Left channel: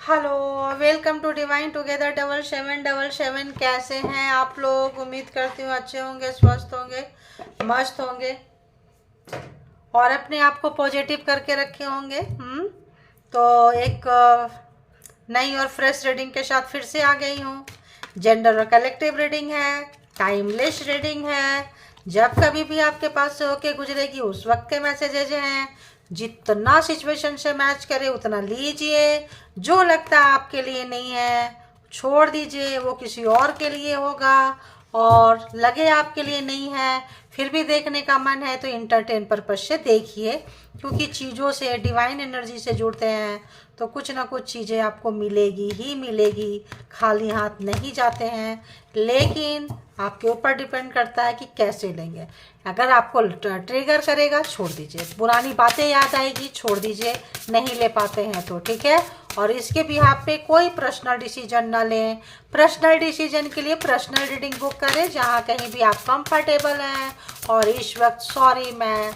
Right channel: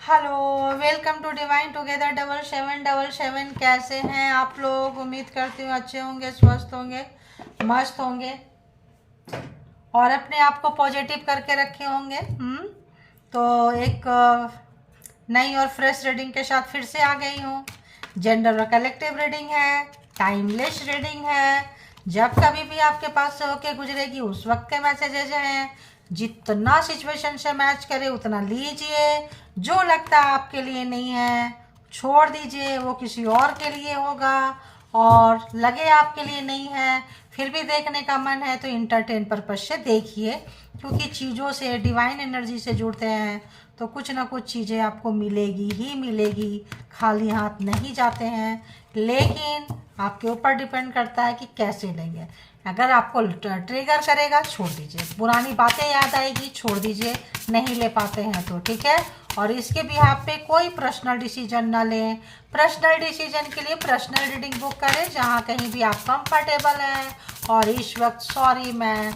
Hello, welcome to divine together 7777। कैसे हैं आप लोग? उम्मीद करती हूँ अच्छे होंगे, स्वस्थ होंगे, मस्त होंगे और अपने आप को पॉजिटिव करके रखे होंगे। तो एक नई और फ्रेश रीडिंग के साथ फिर से आ गई हूँ। जेंडर और कलेक्टिव रीडिंग है, टाइमलेस रीडिंग है। जब कभी भी आपके पास से होके गुजरेगी उस वक्त के मैसेजेज हैं। जितना सिचुएशन से मैच करे उतना लीजिए। जो लगता आपके लिए नहीं है छोड़ दीजिए, वो किसी और के लिए होगा। और लगे आपके लिए नहीं है फिर भी देखने का मन है तो इंटरटेन पर्पज से देखिए, क्योंकि चीज़ों से, डिवाइन एनर्जी से जुड़ते हैं तो कुछ ना कुछ चीज़ें आपको मिलेगी ही मिलेगी। खाली हाथ नहीं जाते हैं, लेकिन आपके ऊपर डिपेंड करता है कि कैसे लेंगे। अगर आपको ट्रिगर करेगा छोड़ दीजिए, पुरानी बातें याद आएगी छोड़ दीजिए, नहीं ले पाते हैं तो ठीक है। और इसके बिहाफ पे कोई पर्सनल डिसीजन ना लें। पर्सनल डिसीजन के लिए पर्सनल रीडिंग बुक करें जहाँ कहीं भी आप कंफर्टेबल हैं। और इस वक्त सॉरी, मैं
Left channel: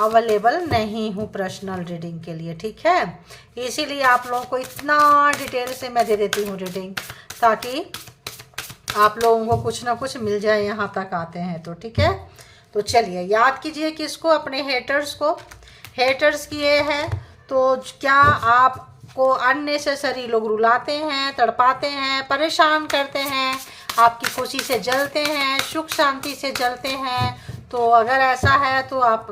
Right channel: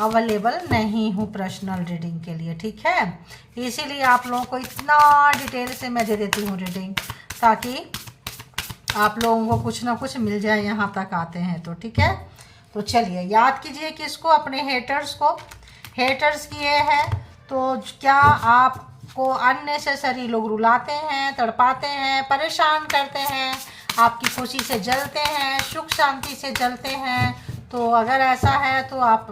अवेलेबल नहीं हूँ पर्सनल रीडिंग के लिए, ठीक है। इसीलिए आप लोगों को इतना डिटेल से मैं दे देती हूँ रीडिंग, ताकि आप लोगों को कुछ ना कुछ मिल जाए यहाँ तक आते हैं तो ठीक है। तो चलिए याद कीजिए किसको? अपने हेटर्स को। हेटर्स की ये है तो क्या आपको अननेसेसरी लोग रुलाते हैं, तड़पाते हैं, परेशान करते हैं, आपकी खुशी से जलते हैं, सुख शांति से जलते हैं। तो अगर ऐसा है तो आप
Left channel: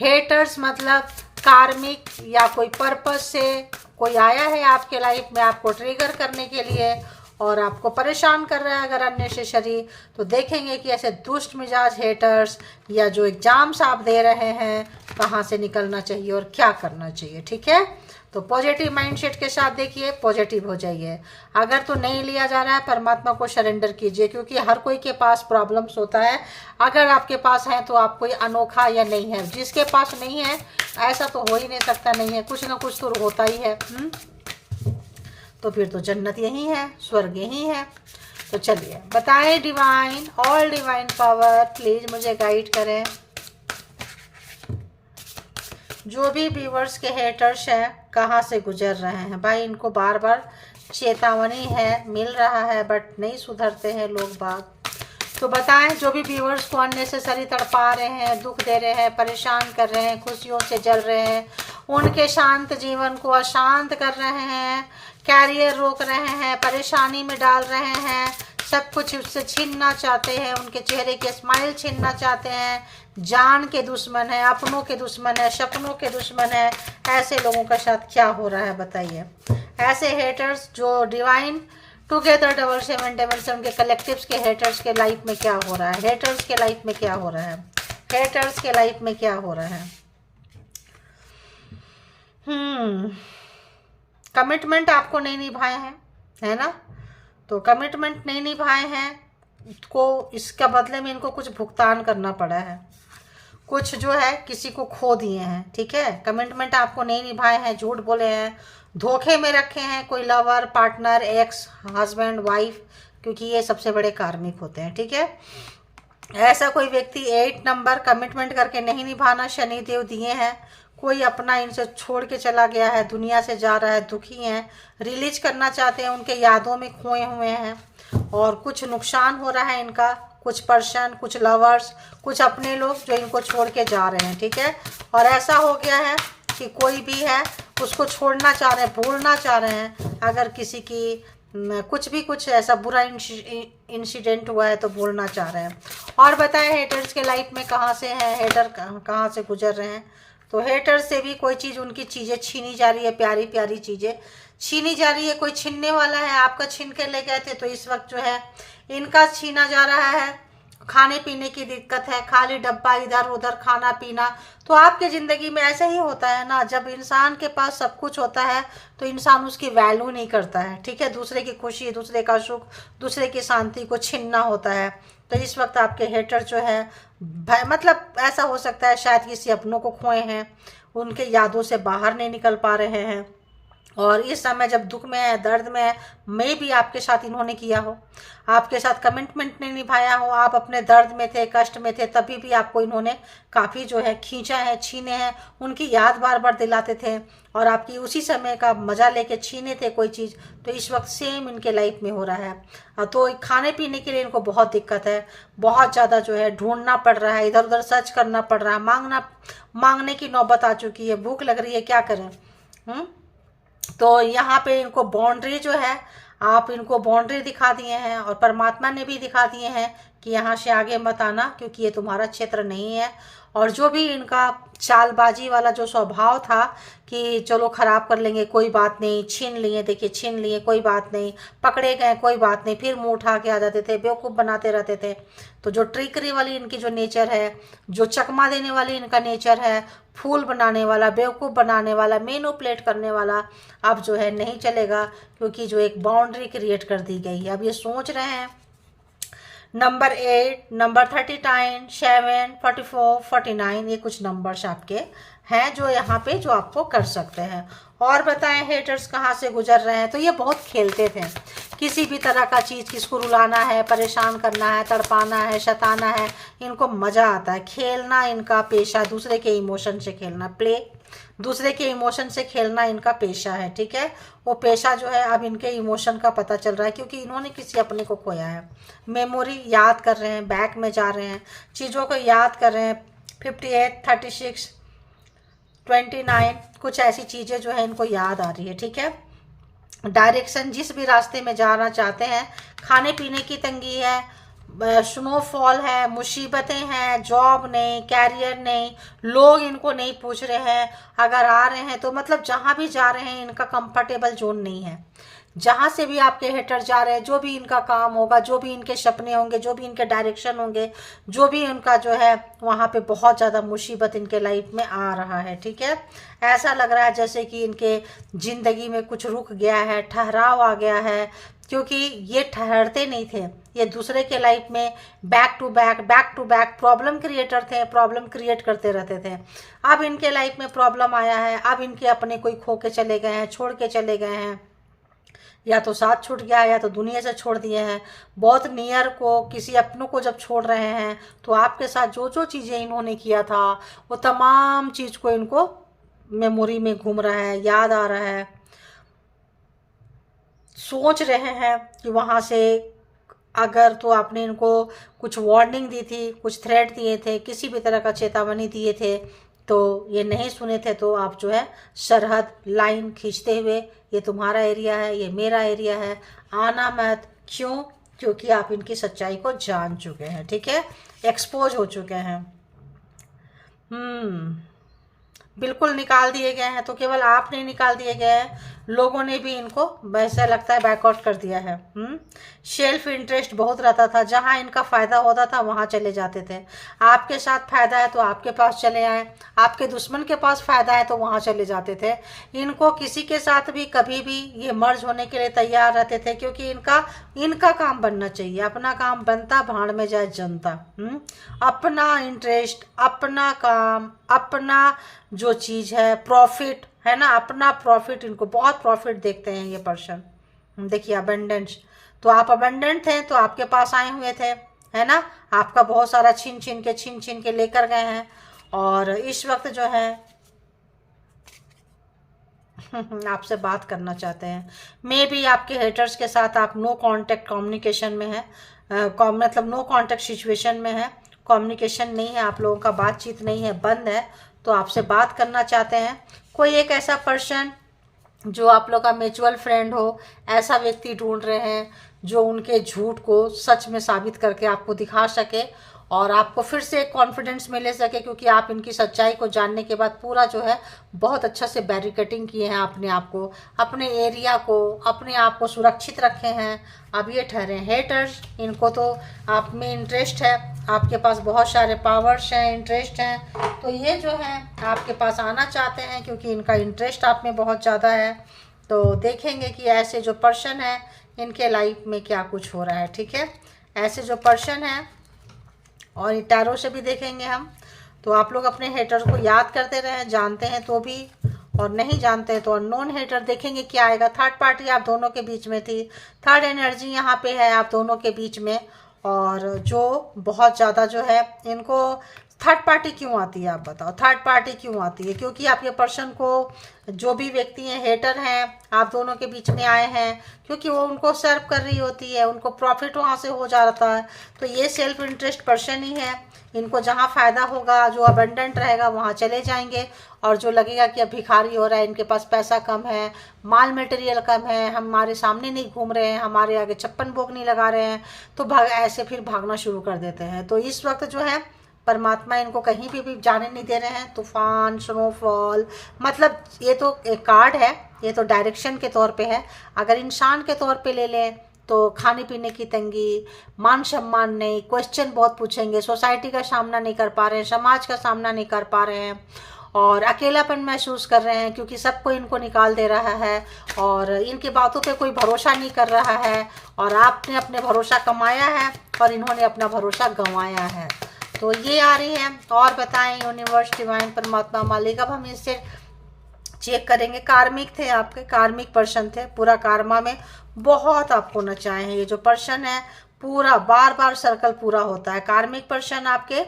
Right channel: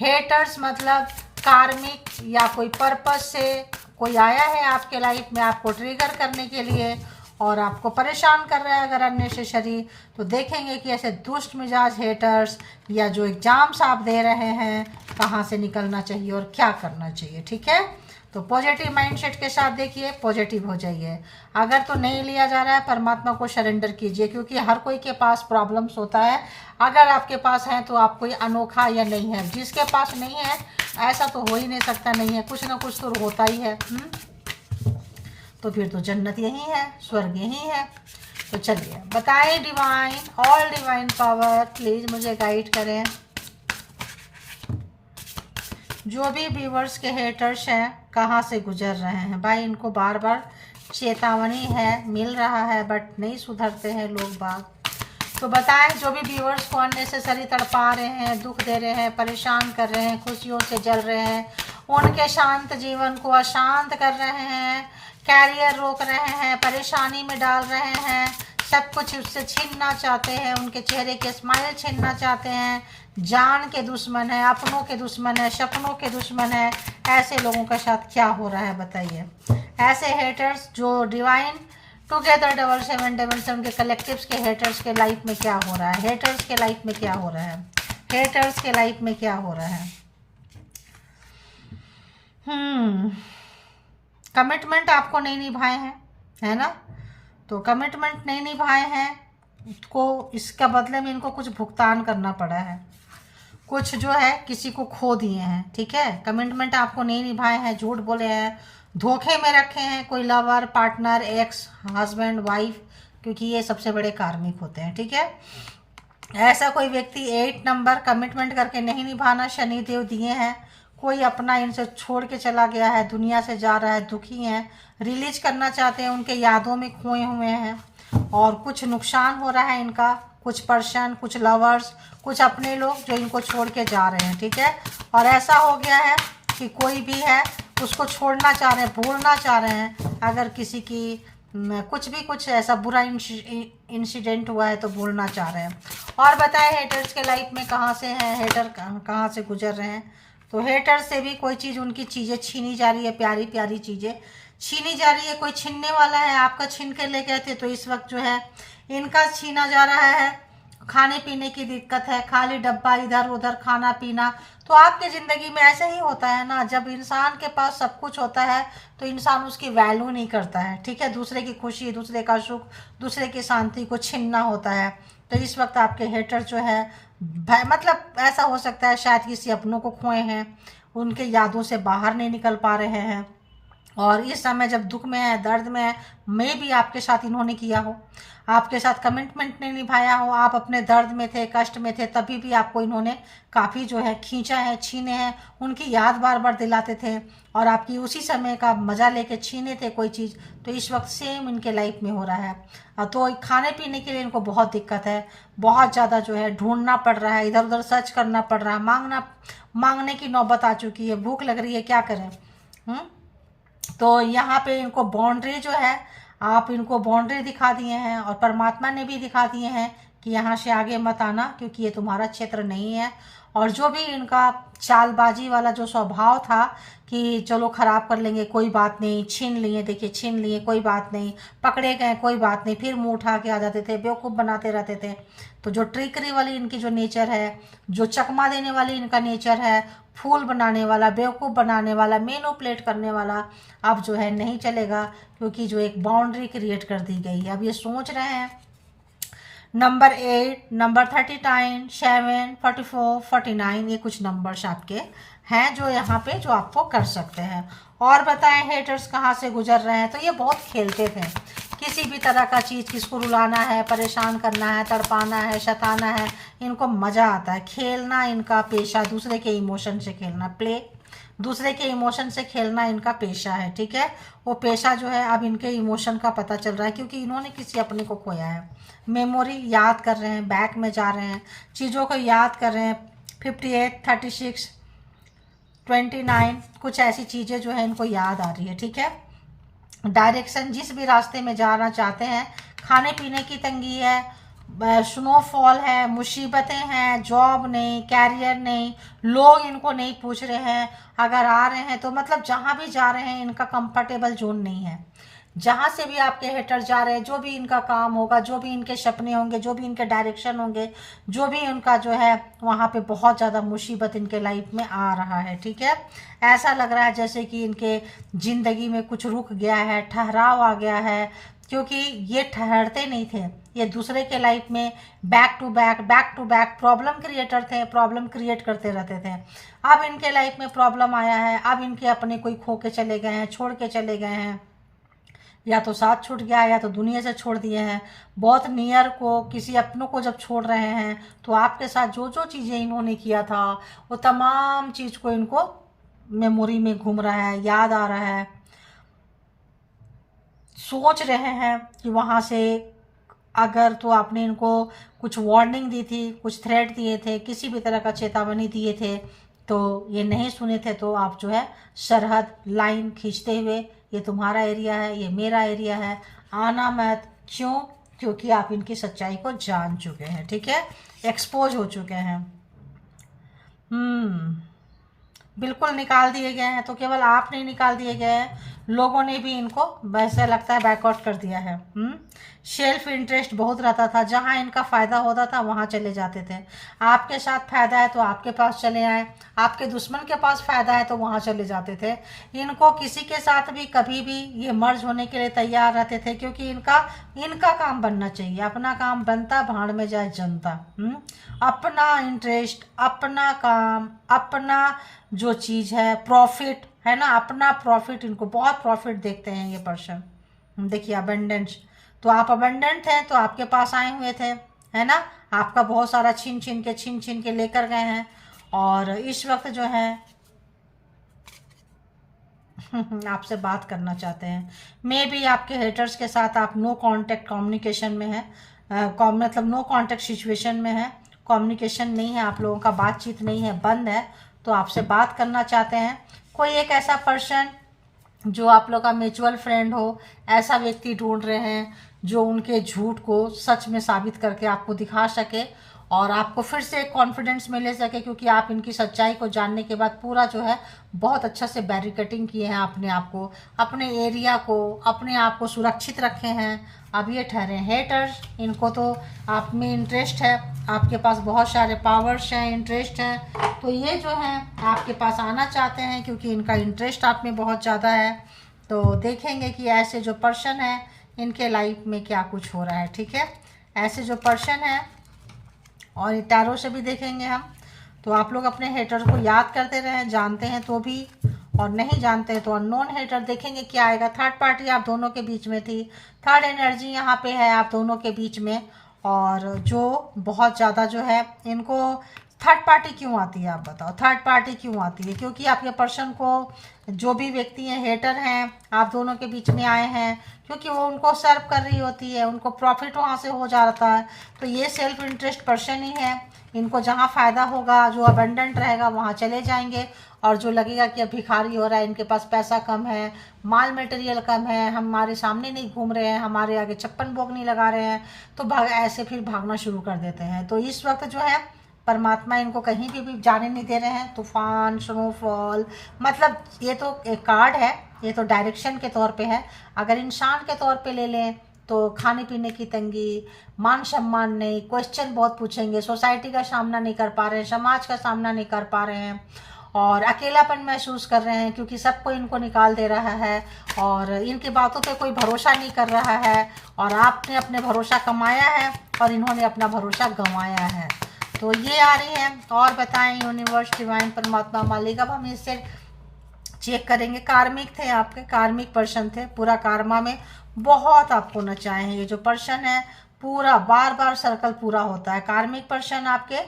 हेटर्स मतलब कार्मिक या कोई पर्पस से कोई आया है आपके लाइफ में आपको ट्रिगर करने के लिए और आपको परेशान कर रहा है अगर अननेसेसरी, तो देखेंगे कि ऐसे दुष्ट मिजाज हेटर्स या जो एग्जाम्स आप दे रहे हैं कहाँ से निकलना चाहिए और क्या करना चाहिए, ठीक है। तो पॉजिटिव माइंडसेट के साथ देखिए, पॉजिटिव हो जाइए। अगर तो नहीं लिया जा रहा है परमात्मा को सरेंडर कीजिए, क्योंकि हर कोई के पास प्रॉब्लम्स होता है। अगर आपके पास है तो आप कोई अनोखा या नहीं है, जिसके पास नहीं है ऐसा तो हो ही नहीं सकता, नहीं है, कुछ ना कुछ तो होता ही है। तो फिर तो जन्नत यही है, स्वर्ग यही है। तो चलिए बताएं divine, all divine power please मुझे गाइड करें। जो भी व्यूवर्स के हेटर्स हैं कहाँ से गुजर रहे हैं भाई, इनको बार बार चेतावनी है, मिल रहा है बट नहीं सुधरते हैं लोग बाग। तो बताएं जो भी व्यूवर्स को अननेसेसरी तड़पा रहे हैं, दुख दे रहे हैं, परेशान कर रहे हैं, खुशियों से जल रहे हैं, उनके शांत जीवन को अशांत कर रहे हैं, कैरियर रोक रहे हैं, परेशानी में डाल रहे हैं, सब कुछ उससे छीनना चाहते हैं, उनके चेहरे के स्माइल छीनना चाहते हैं, जान के दुश्मन है, अपनों के दुश्मन है, सपनों के दुश्मन है, ऐसे लोगों के साथ क्या हो रहा है बताइए। ऐसे हेटर्स जो डिवाइन टुगेदर 7777 के कलेक्टिव्स के हेटर्स के लाइफ में क्या हो रहा है, हेटर्स के लाइफ में क्या हो रहा है, हेटर्स के लाइफ में क्या हो रहा है। कमिटमेंट आपको नहीं निभाए हैं, है ना। तो कमिटमेंट नहीं निभाए हैं को इसका बदले में इनको कुछ भुगतान करना पड़ा है, कुछ जो है किसी को खो दिए हैं, ठीक है। कमिटमेंट आपको नहीं निभाए हैं, झूठ बोले हैं, धोखे में रखे हैं कोई lover, partner, x, husband, wife, क्योंकि ये सबसे बड़े कार्मिक होते हैं, ठीक है। ऐसा कोई व्यक्ति 8 नंबर कमिटमेंट करके नहीं निभाना शनिदेव दिए हैं। कोई अपना इनसे छोड़ के चला गया है, दुनिया से जा रहा है, दुखी हैं, रिलीज करना चाहते हैं, उनके यादों में खोए हुए हैं और कुछ नुकसान हो रहा है इनका। कुछ पर्सन, कुछ लवर्स, कुछ अपने लोग जो इनको छोड़ के जा रहे हैं, ठीक है। और ऐसा हो गया है कि कोई भी है उसको छोड़ना चाह रहे हैं, भूलना चाह रहे हैं। अगर किसी की कुछ ऐसा बुरा इंसिडेंट हुआ है तो भूलना चाह रहे हैं। और बताएं हेटर्स के लाइफ में कहाँ से है, हेटर कहाँ से गुजर रहे हैं। तो हेटर्स से भी कोई चीज़, उनकी चीज़ें छीनी जा रही है, प्यारी प्यारी चीज़ें छीनी जा रही है। कोई छीनने वाला है, आपका छीन कर ले गए थे तो इस वक्त जो है इनका छीना जा रहा है। खाने पीने की दिक्कत है, खाली डब्बा, इधर उधर खाना पीना। तो आपके ज़िंदगी में ऐसा ही होता है ना, जब इंसान के पास सब कुछ होता है तो इंसान उसकी वैल्यू नहीं करता है, ठीक है। दूसरे की खुशी, दूसरे का सुख, दूसरे की शांति को छीनना होता है। तो इस वक्त आपके हेटर जो है मतलब ऐसा हो सकता है शायद किसी अपनों को खोए हैं, उनके यादों से बाहर नहीं निकल पा रहे हैं, और इस समय जब दुख में है, दर्द में है, मे भी आपके साथ इन्होंने किया हो, आपके साथ कमिटमेंट नहीं निभाया हो, आप अपने दर्द में थे, कष्ट में थे, तभी भी आपको इन्होंने काफ़ी जो है खींचा है, छीने हैं, उनकी याद बार बार दिलाते थे और आपकी उसी समय का मज़ा लेके छीने थे कोई चीज़। तो इस वक्त सेम इनके लाइफ में हो रहा है। तो खाने पीने के लिए इनको बहुत दिक्कत है, बहुत ज़्यादा जो है ढूंढना पड़ रहा है, इधर उधर सर्च करना पड़ रहा है, मांगने की नौबत आ चुकी है, भूख लग रही है, क्या करें। तो यहाँ पे इनको बाउंड्री जो है, आप इनको बाउंड्री दिखा दिए हैं और परमात्मा ने भी दिखा दिए हैं कि यहाँ से आगे मत आना, क्योंकि ये तुम्हारा क्षेत्र नहीं है। और जो भी इनका चालबाजी वाला जो स्वभाव था कि चलो खराब कर लेंगे, कोई बात नहीं, छीन लिए, देखिए छीन लिए, कोई बात नहीं, पकड़े गए, कोई बात नहीं, फिर मुंह उठा के आ जाते थे, बेवकूफ़ बनाते रहते थे। तो जो ट्रिकरी वाली इनकी जो नेचर है, जो चकमा देने वाली इनका नेचर है, फूल बनाने वाला, बेवकूफ़ बनाने वाला, मैनिपुलेट करने वाला, अब जो है नहीं चलेगा, क्योंकि जो एक बाउंड्री क्रिएट कर दी गई है। अब ये सोच रहे हैं नंबर 8, नंबर 39, 7, 44, 49, ये कुछ नंबर्स आपके हैं जो यहाँ पे जो आपको कर सकते हैं। और बताएं हेटर्स कहाँ से गुजर रहे हैं। तो ये बहुत खेलते थे, किसी भी तरह का चीज़, किसको रुलाना है, परेशान करना है, तड़पाना है, शताना है, इनको मज़ा आता है। खेलना इनका पेशा, दूसरे के इमोशन से खेलना, प्ले, दूसरे के इमोशन से खेलना इनका पेशा है, ठीक है। वो पेशा जो है अब इनके इमोशन का पता चल रहा है, क्योंकि इन्होंने किसी अपने को खोया है। मेमोरी याद कर रहे हैं, बैक में जा रहे हैं, चीज़ों को याद कर रहे हैं। 58, 36, 29, कुछ ऐसी चीज़ें जो है इनको याद आ रही है, ठीक है। डायरेक्शन, जिस भी रास्ते में जाना चाहते हैं, खाने पीने की तंगी है, स्नोफॉल है, मुसीबतें हैं, जॉब नहीं, कैरियर नहीं, लोग इनको नहीं पूछ रहे हैं, अगर आ रहे हैं तो मतलब जहाँ भी जा रहे हैं इनका कंफर्टेबल जोन नहीं है। जहाँ से भी आपके हेटर जा रहे हैं, जो भी इनका काम होगा, जो भी इनके सपने होंगे, जो भी इनके डायरेक्शन होंगे, जो भी इनका जो है, वहाँ पे बहुत ज़्यादा मुसीबत इनके लाइफ में आ रहा है, ठीक है। ऐसा लग रहा है जैसे कि इनके ज़िंदगी में कुछ रुक गया है, ठहराव आ गया है, क्योंकि ये ठहरते नहीं थे, ये दूसरे के लाइफ में back to back problem creator थे, प्रॉब्लम क्रिएट करते रहते थे। अब इनके लाइफ में प्रॉब्लम आया है, अब इनके अपने कोई खो के चले गए हैं, छोड़ के चले गए हैं, या तो साथ छूट गया है या तो दुनिया से छोड़ दिए हैं। बहुत नियर को, किसी अपनों को जब छोड़ रहे हैं, तो आपके साथ जो जो चीज़ें इन्होंने किया था, वो तमाम चीज़ को इनको मेमोरी में घूम रहा है, याद आ रहा है, सोच रहे हैं कि वहाँ से अगर तो आपने इनको कुछ वार्निंग दी थी, कुछ थ्रेट दिए थे, किसी भी तरह का चेतावनी दिए थे, तो ये नहीं सुने थे, तो आप जो है सरहद लाइन खींचते हुए, ये तुम्हारा एरिया है, ये मेरा एरिया है, आना मत। क्यों? क्योंकि आप इनकी सच्चाई को जान चुके हैं, ठीक है, एक्सपोज हो चुके हैं। बिल्कुल निकाल दिए गए हैं। तो केवल आप नहीं निकाल दिए गए हैं, लोगों ने भी इनको वैसा लगता है बैकआउट कर दिया है। सेल्फ इंटरेस्ट बहुत रहता था, जहां इनका फ़ायदा होता था वहां चले जाते थे। आपके साथ फ़ायदा है तो आपके पास चले आए, आपके दुश्मन के पास फ़ायदा है तो वहां चले जाते थे। इनको किसी के साथ भी कभी भी ये मर्ज होने के लिए तैयार रहते थे, क्योंकि इनका काम बनना चाहिए, अपना काम बनता, भाड़ में जाए जनता। अपना इंटरेस्ट, अपना काम, अपना जो चीज़ है, प्रॉफिट है ना, अपना प्रॉफिट, इनको बहुत प्रॉफिट देखते हैं ये पर्सन। देखिए अबेंडेंस, तो आप अबेंडेंट हैं तो आपके पास आए हुए थे, है ना, आपका बहुत सारा छीन छीन के लेकर गए हैं। और इस वक्त जो है आपसे बात करना चाहते हैं। मे बी आपके हेटर्स के साथ आप नो कांटेक्ट कम्युनिकेशन में है, मतलब नो कांटेक्ट सिचुएशन में है, कम्युनिकेशन नहीं है, आप लोगों का बातचीत नहीं है, बंद है, तो आपसे बात करना चाहते हैं। कोई एक ऐसा पर्सन जो आप लोग का म्यूचुअल फ्रेंड हो, ऐसा व्यक्ति ढूंढ रहे हैं जो उनके झूठ को सच में साबित करके आपको दिखा सके और आपको फिर से एक कॉन्फिडेंस में ले सके, क्योंकि आप इनकी सच्चाई को जानने के बाद पूरा जो है बहुत अच्छा से बैरिकेटिंग किए हैं, अपने आप को, अपने एरिया को, अपने आप को सुरक्षित रखे हैं। अब ये ठहरे हेटर्स, इनको तो आप में इंटरेस्ट है, आपके पास बहुत सारे पावर्स हैं, इंटरेस्ट हैं, तो ये जो है आपके पास आना चाहते हैं, क्योंकि इनका इंटरेस्ट आप में बहुत ज़्यादा है। तो देखेंगे कि ऐसे जो पर्सन है इनके लाइफ में क्या कुछ हो रहा है, ठीक है। ऐसे जो पर्सन है, और टैरो से भी देखेंगे हम, तो आप लोग अपने हेटर को याद करते रहें, जानते हैं तो भी, और नहीं जानते तो अननोन हेटर देखेंगे क्या आएगा। थर्ड पार्टी आप दोनों के बीच में थी, थर्ड एनर्जी यहाँ पे है आप दोनों के बीच में। और जो बहुत ज़्यादा जो है इनको थर्ड पार्टी क्यों आती है, आप बताओ थर्ड पार्टी क्यों आती है? क्योंकि आपके पर्सन को जो भी व्यक्ति हैं हेटर हैं आप दोनों के बीच में आए हैं, क्योंकि वो उनको सर्व कर रही होती है, उनको प्रॉफिट वहाँ से हो जाता है। तो ये सेल्फ इंटरेस्ट पर्सन ही है, इनको जहाँ फ़ायदा होगा, जो अबंडेंट रहेगा वहाँ चले जाएंगे। और जो लगेगा कि अब भिखारी हो रहा है, इनके पास पैसा कम है, माल मटेरियल कम है, हमारे सामने नहीं घूम रहे हैं, हमारे आगे छप्पन भोग नहीं लगा रहे हैं, तो ऐसे फिर भागना शुरू कर देते हैं। तो इस वक्त जो है परमात्मा इनको कहीं भी जाने नहीं दे रहे हैं। तूफान, स्नोफॉल, मतलब ये तो एक कार्ड है, ये तो डायरेक्शन के तौर पे है। अगर इंसान के तौर पे ले लें तो खाने पीने की तंगी, मान सम्मान नहीं, क्वेश्चन बहुत पूछेंगे, सोसाइटी का सामना नहीं कर पा रहे हैं, समाज का सामना नहीं कर पा रहे हैं, और अकेलापन महसूस कर रहे हैं क्योंकि सबको इनको निकाल दे रहा है, और इनकी बातों पे कोई भरोसा नहीं कर रहा है, और आपने अपने भरोसा कमाया है और इन्होंने अपना भरोसा गंवाया है। तो ये आ रही है। और बताएं यूनिवर्स, डिवाइन, परमात्मा, मालिक। अब हम इससे चेक करेंगे। कार्मिक थे आपके, कार्मिक पर्सन थे, पूरा कार्मा में बहुत आपको नचाए हैं। ये जो पर्सन है पूरा बार बार सर्कल पूरा होता है। कार्मिक पर्सन आपके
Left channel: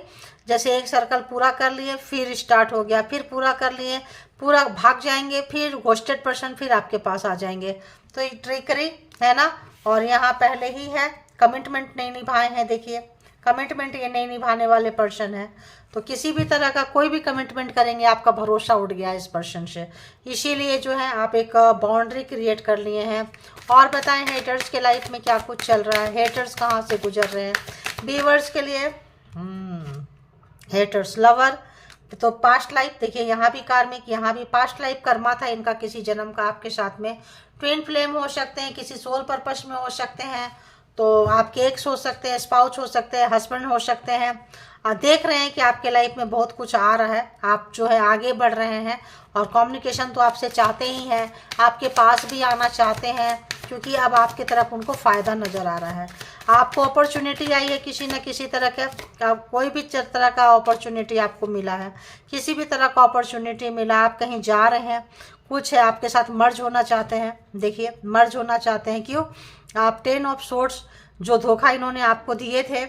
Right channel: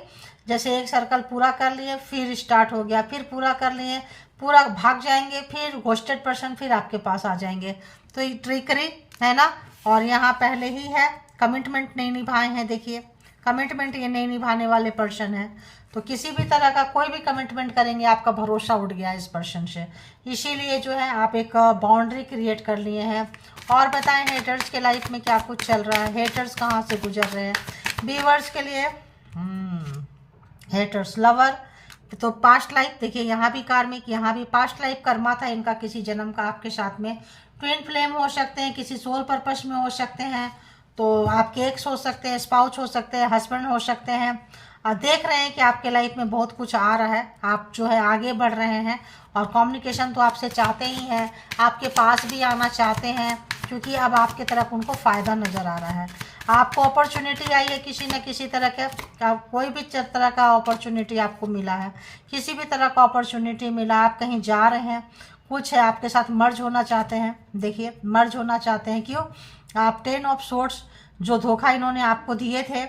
जैसे एक सर्कल पूरा कर लिए, फिर स्टार्ट हो गया, फिर पूरा कर लिए, पूरा भाग जाएंगे, फिर घोस्टेड पर्सन फिर आपके पास आ जाएंगे। तो ये ट्रिकरी है ना। और यहाँ पहले ही है कमिटमेंट नहीं निभाए हैं, देखिए कमिटमेंट ये नहीं निभाने वाले पर्सन है। तो किसी भी तरह का कोई भी कमिटमेंट करेंगे आपका भरोसा उठ गया इस पर्सन से, इसीलिए जो है आप एक बाउंड्री क्रिएट कर लिए हैं। और बताएं हेटर्स के लाइफ में क्या कुछ चल रहा है, हेटर्स कहाँ से गुजर रहे हैं। व्यूअर्स के लिए हेटर्स, लवर, तो पास्ट लाइफ देखिए, यहाँ भी कार्मिक, यहाँ भी पास्ट लाइफ कर्मा था इनका किसी जन्म का आपके साथ में। ट्विन फ्लेम हो सकते हैं, किसी सोल पर्पस में हो सकते हैं, तो आपके एक्स हो सकते हैं, स्पाउस हो सकते हैं, हस्बैंड हो सकते हैं। देख रहे हैं कि आपके लाइफ में बहुत कुछ आ रहा है, आप जो है आगे बढ़ रहे हैं, और कम्युनिकेशन तो आपसे चाहते ही हैं, आपके पास भी आना चाहते हैं, क्योंकि अब आपके तरफ उनको फ़ायदा नज़र आ रहा है। आपको अपॉर्चुनिटी आई है किसी न किसी तरह का, कोई भी तरह का अपॉर्चुनिटी आपको मिला है, किसी भी तरह का अपॉर्चुनिटी मिला, आप कहीं जा रहे हैं, कुछ है आपके साथ मर्ज होना चाहते हैं। देखिए मर्ज होना चाहते हैं, क्यों? आप 10 ऑफ सोर्ट्स, जो धोखा इन्होंने आपको दिए थे,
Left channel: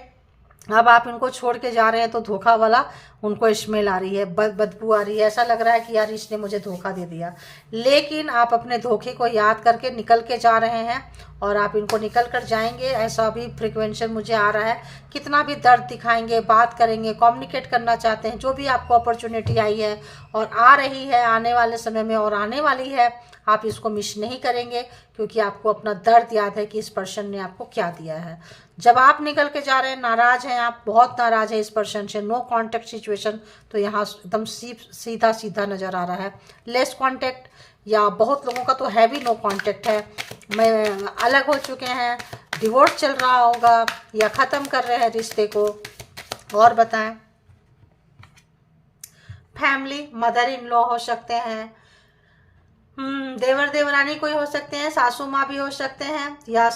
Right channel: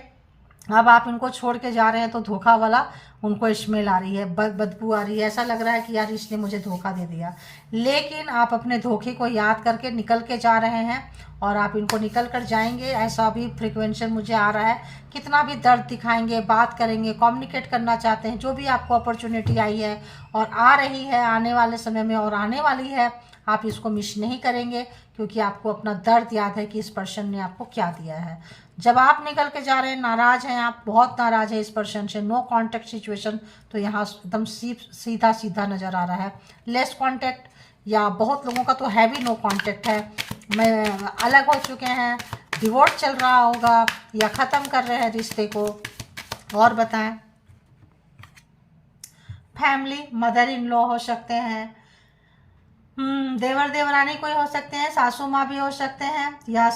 अब आप इनको छोड़ के जा रहे हैं तो धोखा वाला उनको स्मेल आ रही है, बदबू आ रही है, ऐसा लग रहा है कि यार इसने मुझे धोखा दे दिया। लेकिन आप अपने धोखे को याद करके निकल के जा रहे हैं, और आप इनको निकल कर जाएंगे, ऐसा भी फ्रिक्वेंसी मुझे आ रहा है। कितना भी दर्द दिखाएंगे, बात करेंगे, कम्युनिकेट करना चाहते हैं, जो भी आपको अपॉर्चुनिटी आई है और आ रही है आने वाले समय में और आने वाली है, आप इसको मिस नहीं करेंगे, क्योंकि आपको अपना दर्द याद है कि इस पर्सन ने आपको क्या दिया है। जब आप निकल के जा रहे हैं, नाराज हैं आप, बहुत नाराज है इस पर्सन से, नो कांटेक्ट सिचुएशन, तो यहाँ एकदम सीधा सीधा नज़र आ रहा है। लेस कांटेक्ट, या बहुत लोगों का तो हैवी नो कांटेक्ट है, मैं अलग हो चुके हैं, डिवोर्स चल रहा होगा, या ख़त्म कर रहे हैं रिश्ते को। और बताएं, फैमिली, मदर इन लॉ हो सकते हैं, देवर देवरानी कोई हो सकते हैं, सासू माँ भी हो सकते हैं, या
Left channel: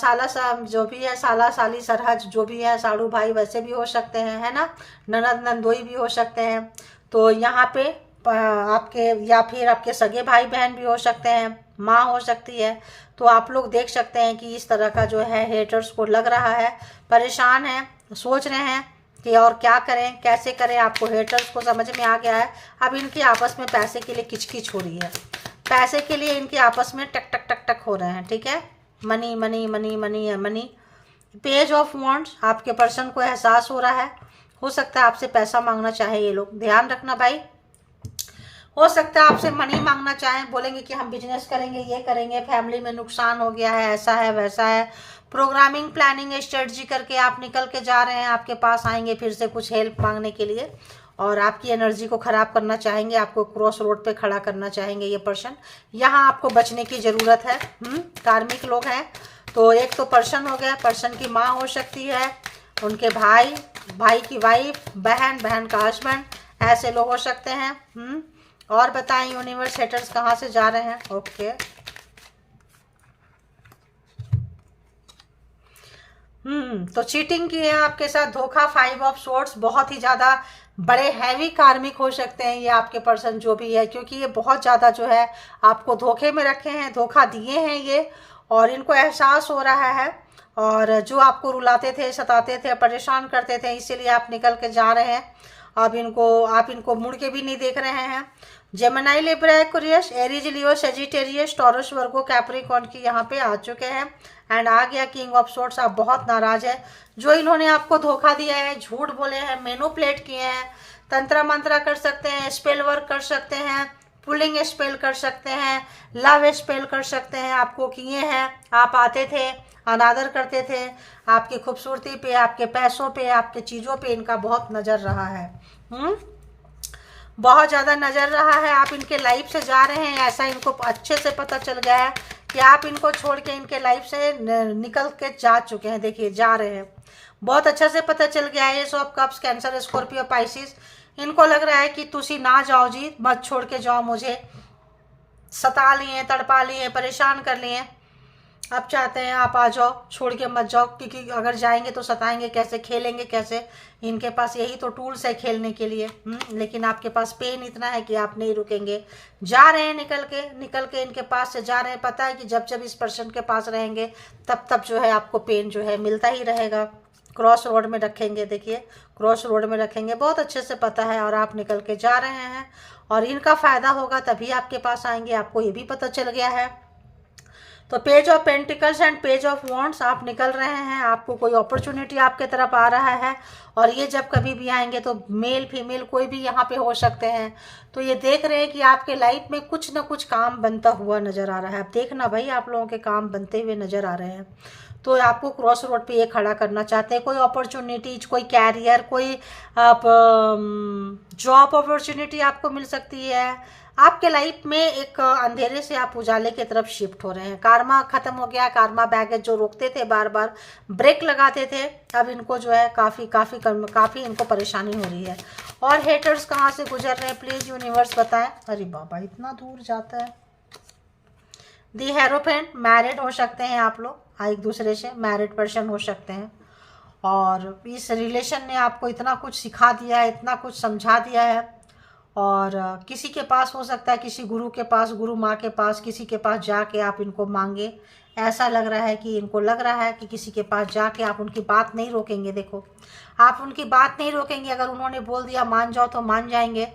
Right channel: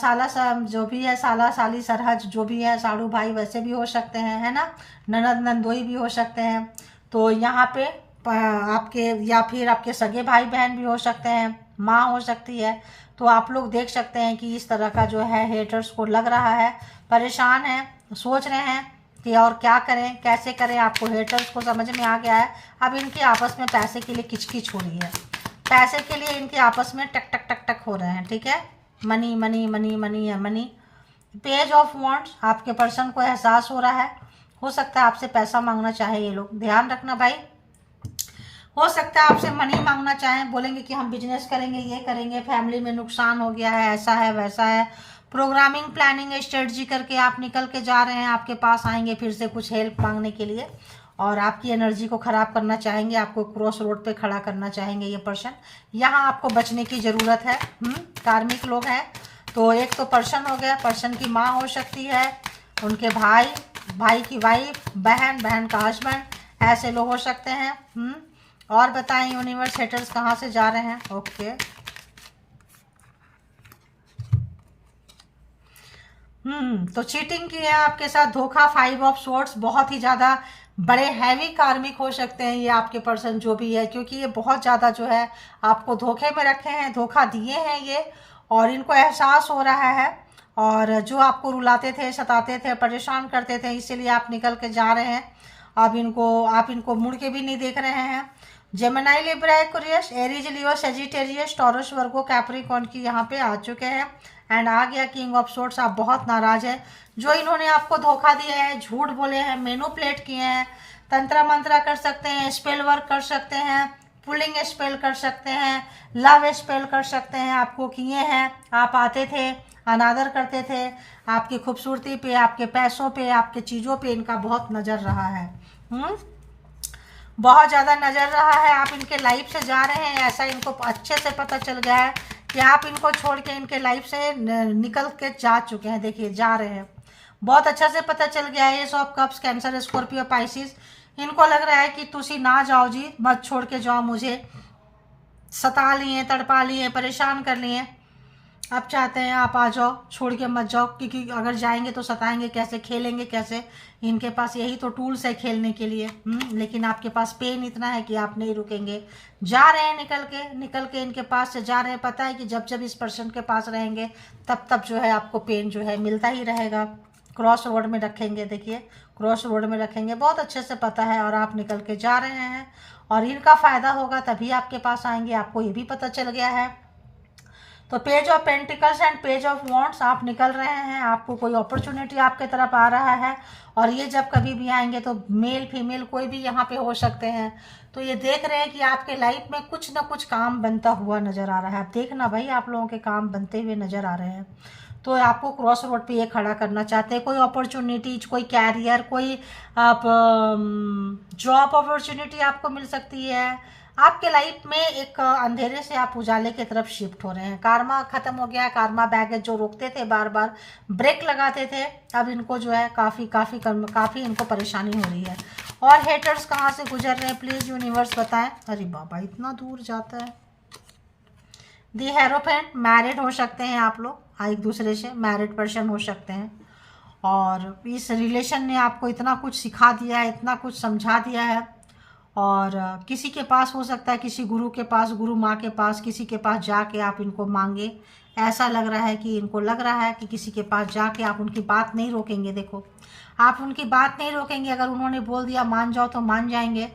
जो भी है, साला साली सरहज जो भी है, साड़ू भाई वैसे भी हो सकते हैं, है ना, ननद नंदोई भी हो सकते हैं। तो यहाँ पे आपके, या फिर आपके सगे भाई बहन भी हो सकते हैं, माँ हो सकती है। तो आप लोग देख सकते हैं कि इस तरह का जो है हेटर्स को लग रहा है, परेशान है, सोच रहे हैं कि और क्या करें, कैसे करें। आपको हेटर्स को समझ में आ गया है, अब इनकी आपस में पैसे के लिए किचकिच हो रही है, पैसे के लिए इनके आपस में टक टक टक टक हो रहे हैं, ठीक है। मनी मनी मनी मनी है, मनी। पेज ऑफ वॉन्ड्स, आपके पर्सन को एहसास हो रहा है, हो सकता है आपसे पैसा मांगना चाहे ये लोग, ध्यान रखना भाई, हो सकता है आपसे मनी मांगना चाहें, बोलेंगे कि हम बिजनेस करेंगे, ये करेंगे, फैमिली में नुकसान हो गया है, ऐसा है वैसा है। प्रोग्रामिंग, प्लानिंग, स्ट्रेटजी करके आप निकल के जा रहे हैं, आपके पास आएंगे फिर से कुछ हेल्प मांगने के लिए, और आपकी एनर्जी को ख़राब करना चाहेंगे, आपको क्रॉस रोड पे खड़ा करना चाहेंगे ये पर्सन। यहाँ आपको बचने की ज़रूरत है। कार्मिक लोग हैं, तो एक तो पर्सन हो गया, पर्सन की माँ हो सकती है, उनके भाई, भाई की वाइफ, बहन, बहन का हस्बैंड, ऐसे लोग हो सकते हैं। और बताएं यूनिवर्स, हेटर्स कहाँ से जा रहे हैं। ओके, तो चीटिंग की है आपके साथ, धोखा, 5 ऑफ सोर्ट्स, बहुत ही ज़्यादा बड़े हैवी कार्मिक हो सकते हैं ये आपके पर्सन जो भी है, क्योंकि ये बहुत ज़्यादा जो है आपको धोखे में रखे हैं, धोखा दिए हैं ये, और इनको एहसास हो रहा है। और जो आपको रुलाते थे, सताते थे, परेशान करते थे, इसीलिए आप निकल के जा रहे हैं। अब आप इनको मुड़ के भी नहीं देख रहे हैं। जेमिनी, लिब्रा, एक्वेरियस, एरीज, लियो, सेजिटेरियस, टॉरस, वर्गो, कैप्रिकॉर्न की यहाँ पे आ चुके हैं। एंड आ गया किंग ऑफ सोर्ड्स। आप बहुत नाराज है, जो इन्होंने आपको धोखा दिया है, झूठ बोले हैं, मैनिपुलेट किए हैं। तंत्र मंत्र कर सकते हैं, स्पेल वर्क कर सकते हैं, पुलिंग स्पेल कर सकते हैं, लव स्पेल कर सकते हैं, आपको किए हैं। आप आते थे, अनादर करते थे, आपकी खूबसूरती पे, आपके पैसों पे, आपके चीज़ों पे इनका बहुत नज़र रहा है। बहुत ज़्यादा नज़र रहा है। आप इनके लाइफ से जा रहे हैं, ऐसा इनको अच्छे से पता चल गया है कि आप इनको छोड़ के इनके लाइफ से निकल के जा चुके हैं। देखिए, जा रहे हैं, बहुत अच्छा से पता चल गया है। S of cups, cancer, Scorpio, Pisces, इनको लग रहा है कि तुसी ना जाओ जी, मत छोड़ के जाओ मुझे, सता लिए, तड़पा लिए, परेशान कर लिए। अब चाहते हैं आप आ जाओ, छोड़ के मत जाओ, क्योंकि अगर जाएंगे तो सताएंगे कैसे, खेलेंगे कैसे। इनके पास यही तो टूल्स है खेलने के लिए। लेकिन आपके पास पेन इतना है कि आप नहीं रुकेंगे, जा रहे हैं निकल के इनके पास से जा रहे हैं। पता है कि जब जब इस पर्सन के पास रहेंगे तब तब जो है आपको पेन जो है मिलता ही रहेगा। क्रॉस रोड में रखेंगे, देखिए क्रॉस रोड में रखेंगे, बहुत अच्छे से पता है। और आप निकल के जा रहे हैं, और इनका फ़ायदा होगा तभी आपके पास आएंगे, आपको ये भी पता चल गया है। तो page of pentacles and page of wands, आप निकल रहे हैं, आपको कोई अपॉर्चुनिटी आपके तरफ आ रहा है। और ये जब कभी भी आएंगे तो मेल फीमेल कोई भी यहाँ पे हो सकते हैं। तो ये देख रहे हैं कि आपके लाइफ में कुछ ना कुछ काम बनता हुआ नज़र आ रहा है। आप देखना भाई, आप लोगों के काम बनते हुए नज़र आ रहे हैं। तो आपको क्रॉस रोड पे ये खड़ा करना चाहते हैं। कोई अपॉर्चुनिटीज, कोई कैरियर, कोई आप जॉब अपॉर्चुनिटी आपको मिल सकती है। आपके लाइफ में एक अंधेरे से आप उजाले की तरफ शिफ्ट हो रहे हैं। कार्मा खत्म हो गया, कार्मा बैगेज जो रोकते थे, बार बार ब्रेक लगाते थे, अब इनको जो है काफ़ी इनको परेशानी हो रही है। और हेटर्स कहाँ से गुजर रहे हैं, प्लीज़ यूनिवर्स बताएं। अरे बाबा, इतना दूर जाता है। दी हेरोफेंट, मैरिड हो सकते हैं आप लोग, एक दूसरे से मैरिड पर्सन हो सकते हैं। और इस रिलेशन ने आपको इतना कुछ सिखा दिया है, इतना कुछ समझा दिया है। और किसी के पास हो सकता है, किसी गुरु के पास, गुरु माँ के पास, किसी के पास जाके आप इनको मांगे। ऐसा लग रहा है कि इनको लग रहा है कि किसी के पास जाके आप उनकी बात नहीं रोकेंगे। देखो, आप उनकी बात नहीं रोकेंगे, अगर उन्होंने बोल दिया मान जाओ तो मान जाएंगे,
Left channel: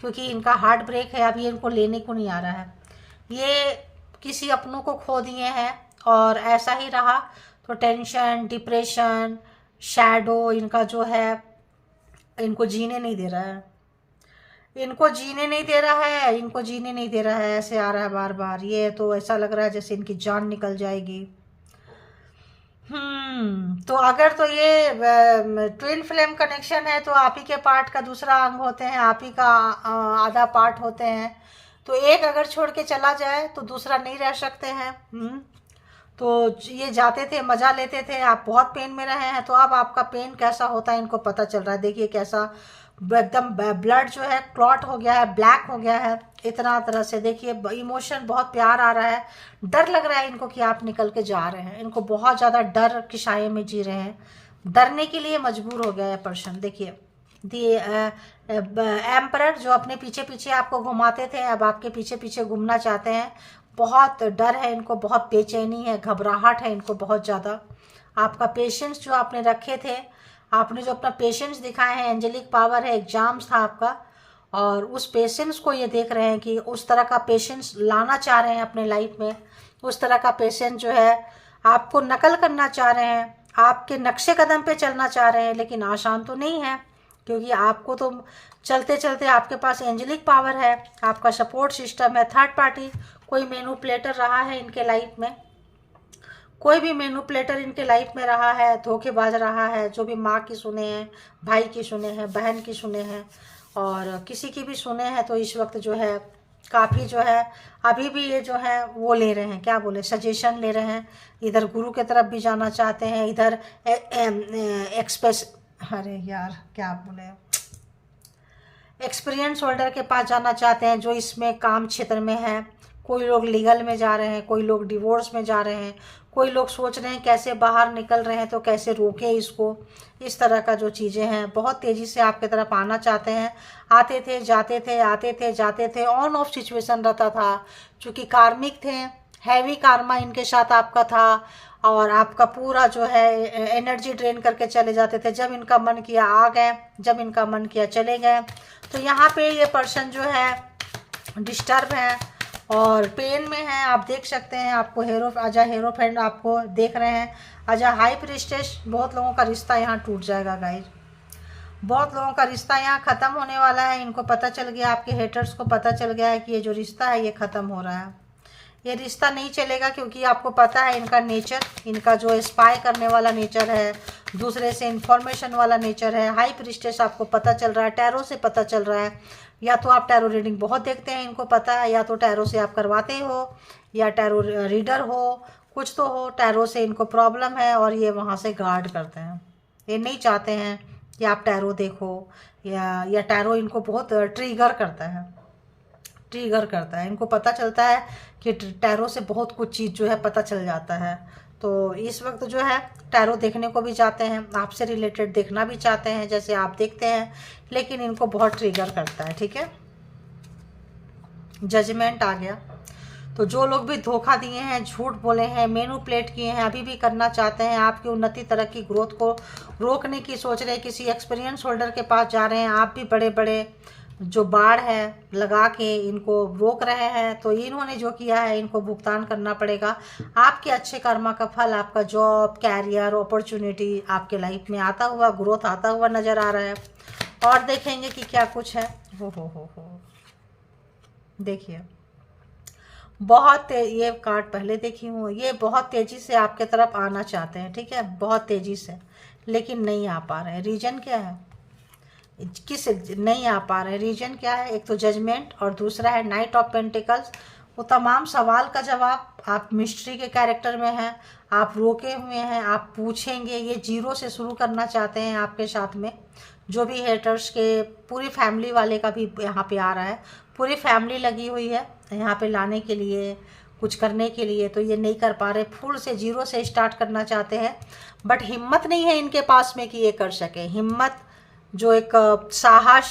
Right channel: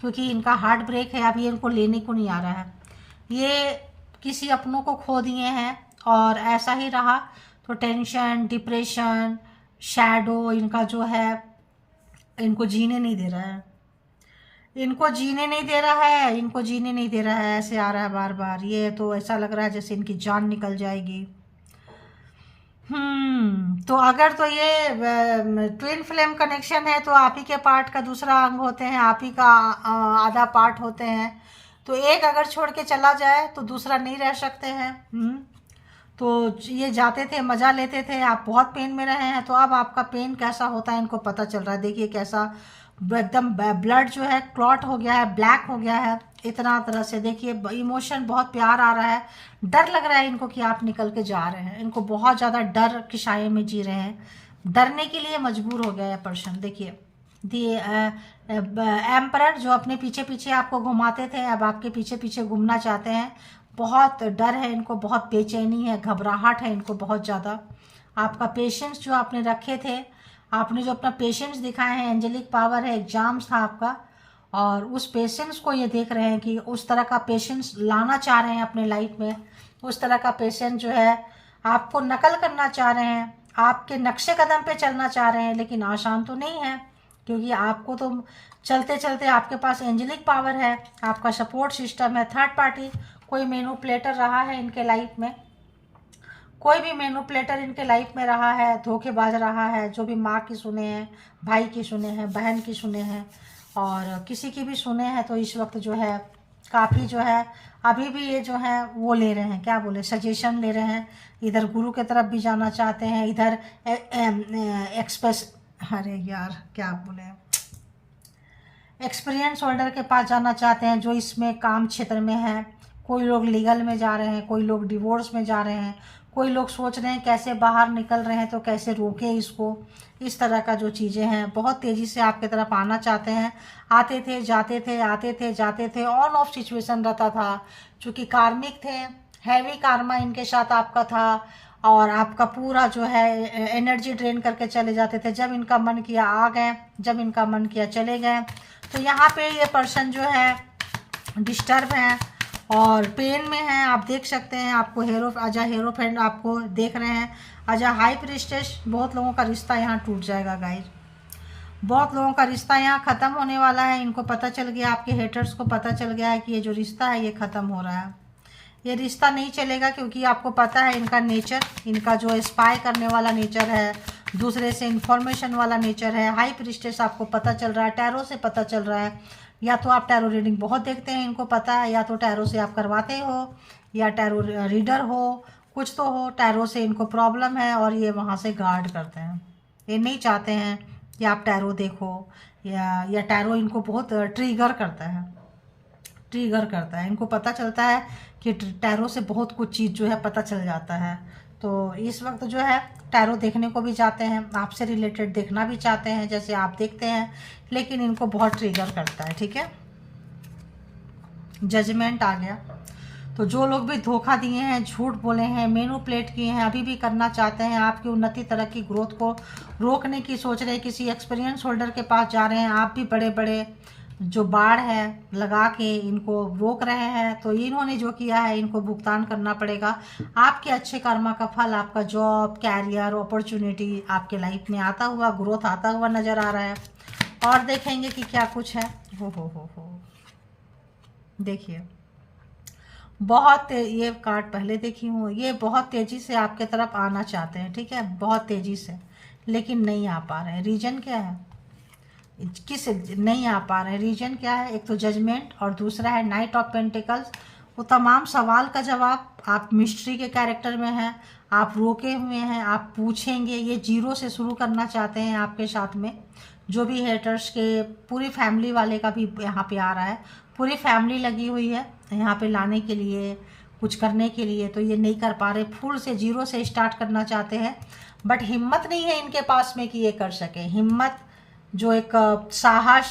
क्योंकि इनका हार्ट ब्रेक है। अभी इनको लेने को नहीं आ रहा है, ये किसी अपनों को खो दिए हैं और ऐसा ही रहा तो टेंशन, डिप्रेशन, शैडो इनका जो है इनको जीने नहीं दे रहा है, इनको जीने नहीं दे रहा है, इनको जीने नहीं दे रहा है। ऐसे आ रहा है बार बार, ये तो ऐसा लग रहा है जैसे इनकी जान निकल जाएगी। तो अगर तो ये ट्विन फ्लेम कनेक्शन है तो आप ही के पार्ट का दूसरा अंग होते हैं, आप ही का आधा पार्ट होते हैं। तो एक अगर छोड़ के चला जाए तो दूसरा नहीं रह सकते हैं। तो ये जाते थे, मज़ा लेते थे, आप बहुत पेन में रहे हैं, तो अब आपका पेन कैसा होता है इनको पता चल रहा है। देखिए कैसा एकदम ब्लड जो है क्लॉट हो गया है, ब्लैक हो गया है, इतना तरह से। देखिए इमोशन, बहुत प्यार आ रहा है, डर लग रहा है इनको कि आप निकल के जा रहे हैं। इनको बहुत ज़्यादा डर की साये में जी रहे हैं, डरने के लिए मजबूर हो गया है पर्सन। देखिए दी एम्परर जो अपने पीछे पीछे आपको घुमाते थे, अब आपके पीछे पीछे घूमना चाहते हैं। बहुत डर है इनको, बहुत बेचैनी है, घबराहट है इनको बहुत ज़्यादा। आपका पेशेंस जो आपने रखे थे, आपने जो अपना पेशेंस दिखाए हैं, एंजेलिक पावर है, एग्जाम्स था आपका, और उस पेशेंस को ये देख रहे हैं कि उस तरह का पेशेंस लाना चाह रहे हैं अपने लाइफ में। उस तरह का पेशेंस जो है आपको नकल करना चाह रहे हैं, आपके नक्शे कदम पे चलना चाह रहे हैं, लेकिन आसान तो नहीं है, क्योंकि आपको तो चलते चलते आपके पास एंजेलिक पावर है, आपका सपोर्ट सिस्टम है। थर्ड पार्टी कोई मैनिपुलेटर रहा है इनके लाइफ में, कोई भी मैनिपुलेटर इनके लाइफ में रहा है, धोखेबाज रहा है, जो भी माँ की सुने हैं, भाई की सुने हैं, बहन की सुने हैं, और किसी की भी सुने हैं। तो इस वक्त जो है काफ़ी जो है अभी भी ये जो है वो ले रहे हैं, क्या बोले, सजेशन ले रहे हैं। इधर गुरु के तरफ भी जाना चाहते हैं, इधर अरे यार क्या बोले, एक्सपीरियंस होल्डर के पास जाना चाहते हैं, जो इसमें काम क्षेत्र में है। कोई लोग लीगल में जा रहे हैं, कोई लोग डिवोर्स में जा रहे हैं, कोई लोग सोच रहे हैं कैसे बाहर निकल रहे हैं तो कैसे रोकें इसको। इस तरह का जो चीज़ें हैं बहुत तेज़ी से आपकी तरफ आना चाहते हैं। आते थे जाते थे, आते थे जाते थे, ऑन ऑफ सिचुएशन रहता था। चूँकि कार्मिक थे, हैवी कार्मा इनके साथ आपका था और आपका पूरा जो है एनर्जी ड्रेन करके चले जाते थे। जब इनका मन किया आ गए, जब इनका मन किया चले गए। तो यहाँ पे ये पर्सन जो है डिस्टर्ब हैं और पेन में हैं। आप देख सकते हैं, आपको हेरोफेंड आपको देख रहे हैं। आजा हाई प्रिस्टेस, बहुत लोगों का रिश्ता यहाँ टूट जाएगा गाइस। बहुत लोगों का रिश्ता यहाँ ख़त्म होने वाला है। इनको पता चल गया, आपके हेटर्स को पता चल गया है कि ये जो रिश्ता है ये ख़त्म हो रहा है। ये रिश्ता नहीं चलेगा क्योंकि आपको पता है इनका नेचर, इनका जो स्पाई करने वाला नेचर है, दूसरे से इन्फॉर्मेशन वाला नेचर है। हाई प्रिस्टेस आपको पता चल रहा है, टैरो से पता चल रहा है। या तो आप टैरो रीडिंग बहुत देखते हैं, इनको पता है, या तो टैरो से आप करवाते हो या टैरो रीडर हो, कुछ तो हो। टैरो से इनको प्रॉब्लम है और ये वहाँ से गार्ड करते हैं। ये नहीं चाहते हैं कि आप टैरो देखो, या टैरो इनको बहुत ट्रिगर करता है। इनको पता चलता है कि टैरो से बहुत कुछ चीज़ जो है पता चल जाता है। तो इस वक्त जो है टैरो देखने को भी जाते हैं, आपसे रिलेटेड देखना भी चाहते हैं जैसे आप देखते हैं, लेकिन इनको बहुत ट्रिगर करता है। ठीक है, जजमेंट आ गया। तो जो लोग भी धोखा दिए हैं, झूठ बोले हैं, मैनिपुलेट किए हैं, अभी भी करना चाहते हैं, आपकी उन्नति तरक्की ग्रोथ को रोकने की सोच रहे हैं, किसी एक्सपीरियंस होल्डर के पास जा रहे हैं, आप भी बड़े बड़े जो बाढ़ है लगा के इनको रोक रहे हैं। तो इन्होंने जो किया है इनको भुगतान करना पड़ेगा। आपके अच्छे कर्मा का फल, आपका जॉब, कैरियर, अपॉर्चुनिटी आपके लाइफ में आता हुआ, ग्रोथ आता हुआ नज़र आ रहा है। और देखेंगे कि क्या कुछ है। हो देखिए, बहुत ये कार्ड पहले देखी हूँ। ये बहुत तेज़ी से आपके तरफ आना चाहते हैं, ठीक है, बहुत तेज़ी से, लेकिन नहीं आ पा रहे हैं। रीजन क्या है, किस नहीं आ पा रहे हैं, रीजन क्या है? एक तो जजमेंट और दूसरा है नाइट ऑफ पेंटिकल्स। वो तमाम सवाल का जवाब, आप मिस्ट्री के कैरेक्टर में हैं, आप रोके हुए हैं, आप पूछेंगे। ये जीरो से शुरू करना चाहते हैं आपके साथ में। जो भी हेटर्स के, पूरी फैमिली वाले का भी यहाँ पे आ रहा है, पूरी फैमिली लगी हुई है यहाँ पे लाने के लिए, कुछ करने के लिए। तो ये नहीं कर पा रहे, फुल से जीरो से स्टार्ट करना चाहते हैं, बट हिम्मत नहीं है इनके पास में कि ये कर सके। हिम्मत जो एक साहस,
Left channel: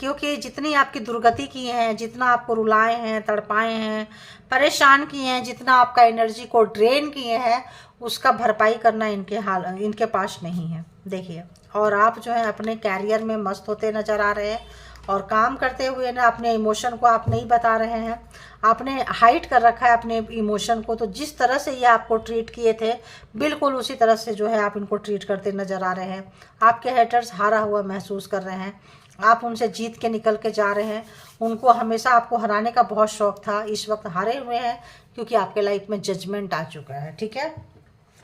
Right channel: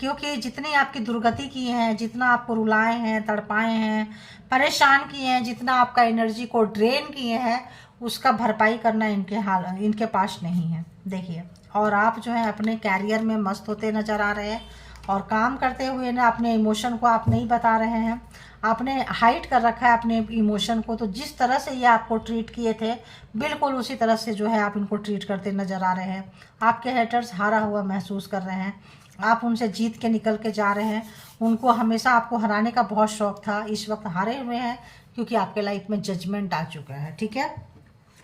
क्योंकि जितनी आपकी दुर्गति की हैं, जितना आपको रुलाए हैं, तड़पाए हैं, परेशान किए हैं, जितना आपका एनर्जी को ड्रेन किए हैं, उसका भरपाई करना इनके पास नहीं है। देखिए, और आप जो है अपने कैरियर में मस्त होते नज़र आ रहे हैं और काम करते हुए ना अपने इमोशन को आप नहीं बता रहे हैं। आपने हाइड कर रखा है अपने इमोशन को। तो जिस तरह से ये आपको ट्रीट किए थे, बिल्कुल उसी तरह से जो है आप इनको ट्रीट करते नज़र आ रहे हैं। आपके हेटर्स हारा हुआ महसूस कर रहे हैं, आप उनसे जीत के निकल के जा रहे हैं। उनको हमेशा आपको हराने का बहुत शौक था, इस वक्त हारे हुए हैं क्योंकि आपके लाइफ में जजमेंट आ चुका है। ठीक है,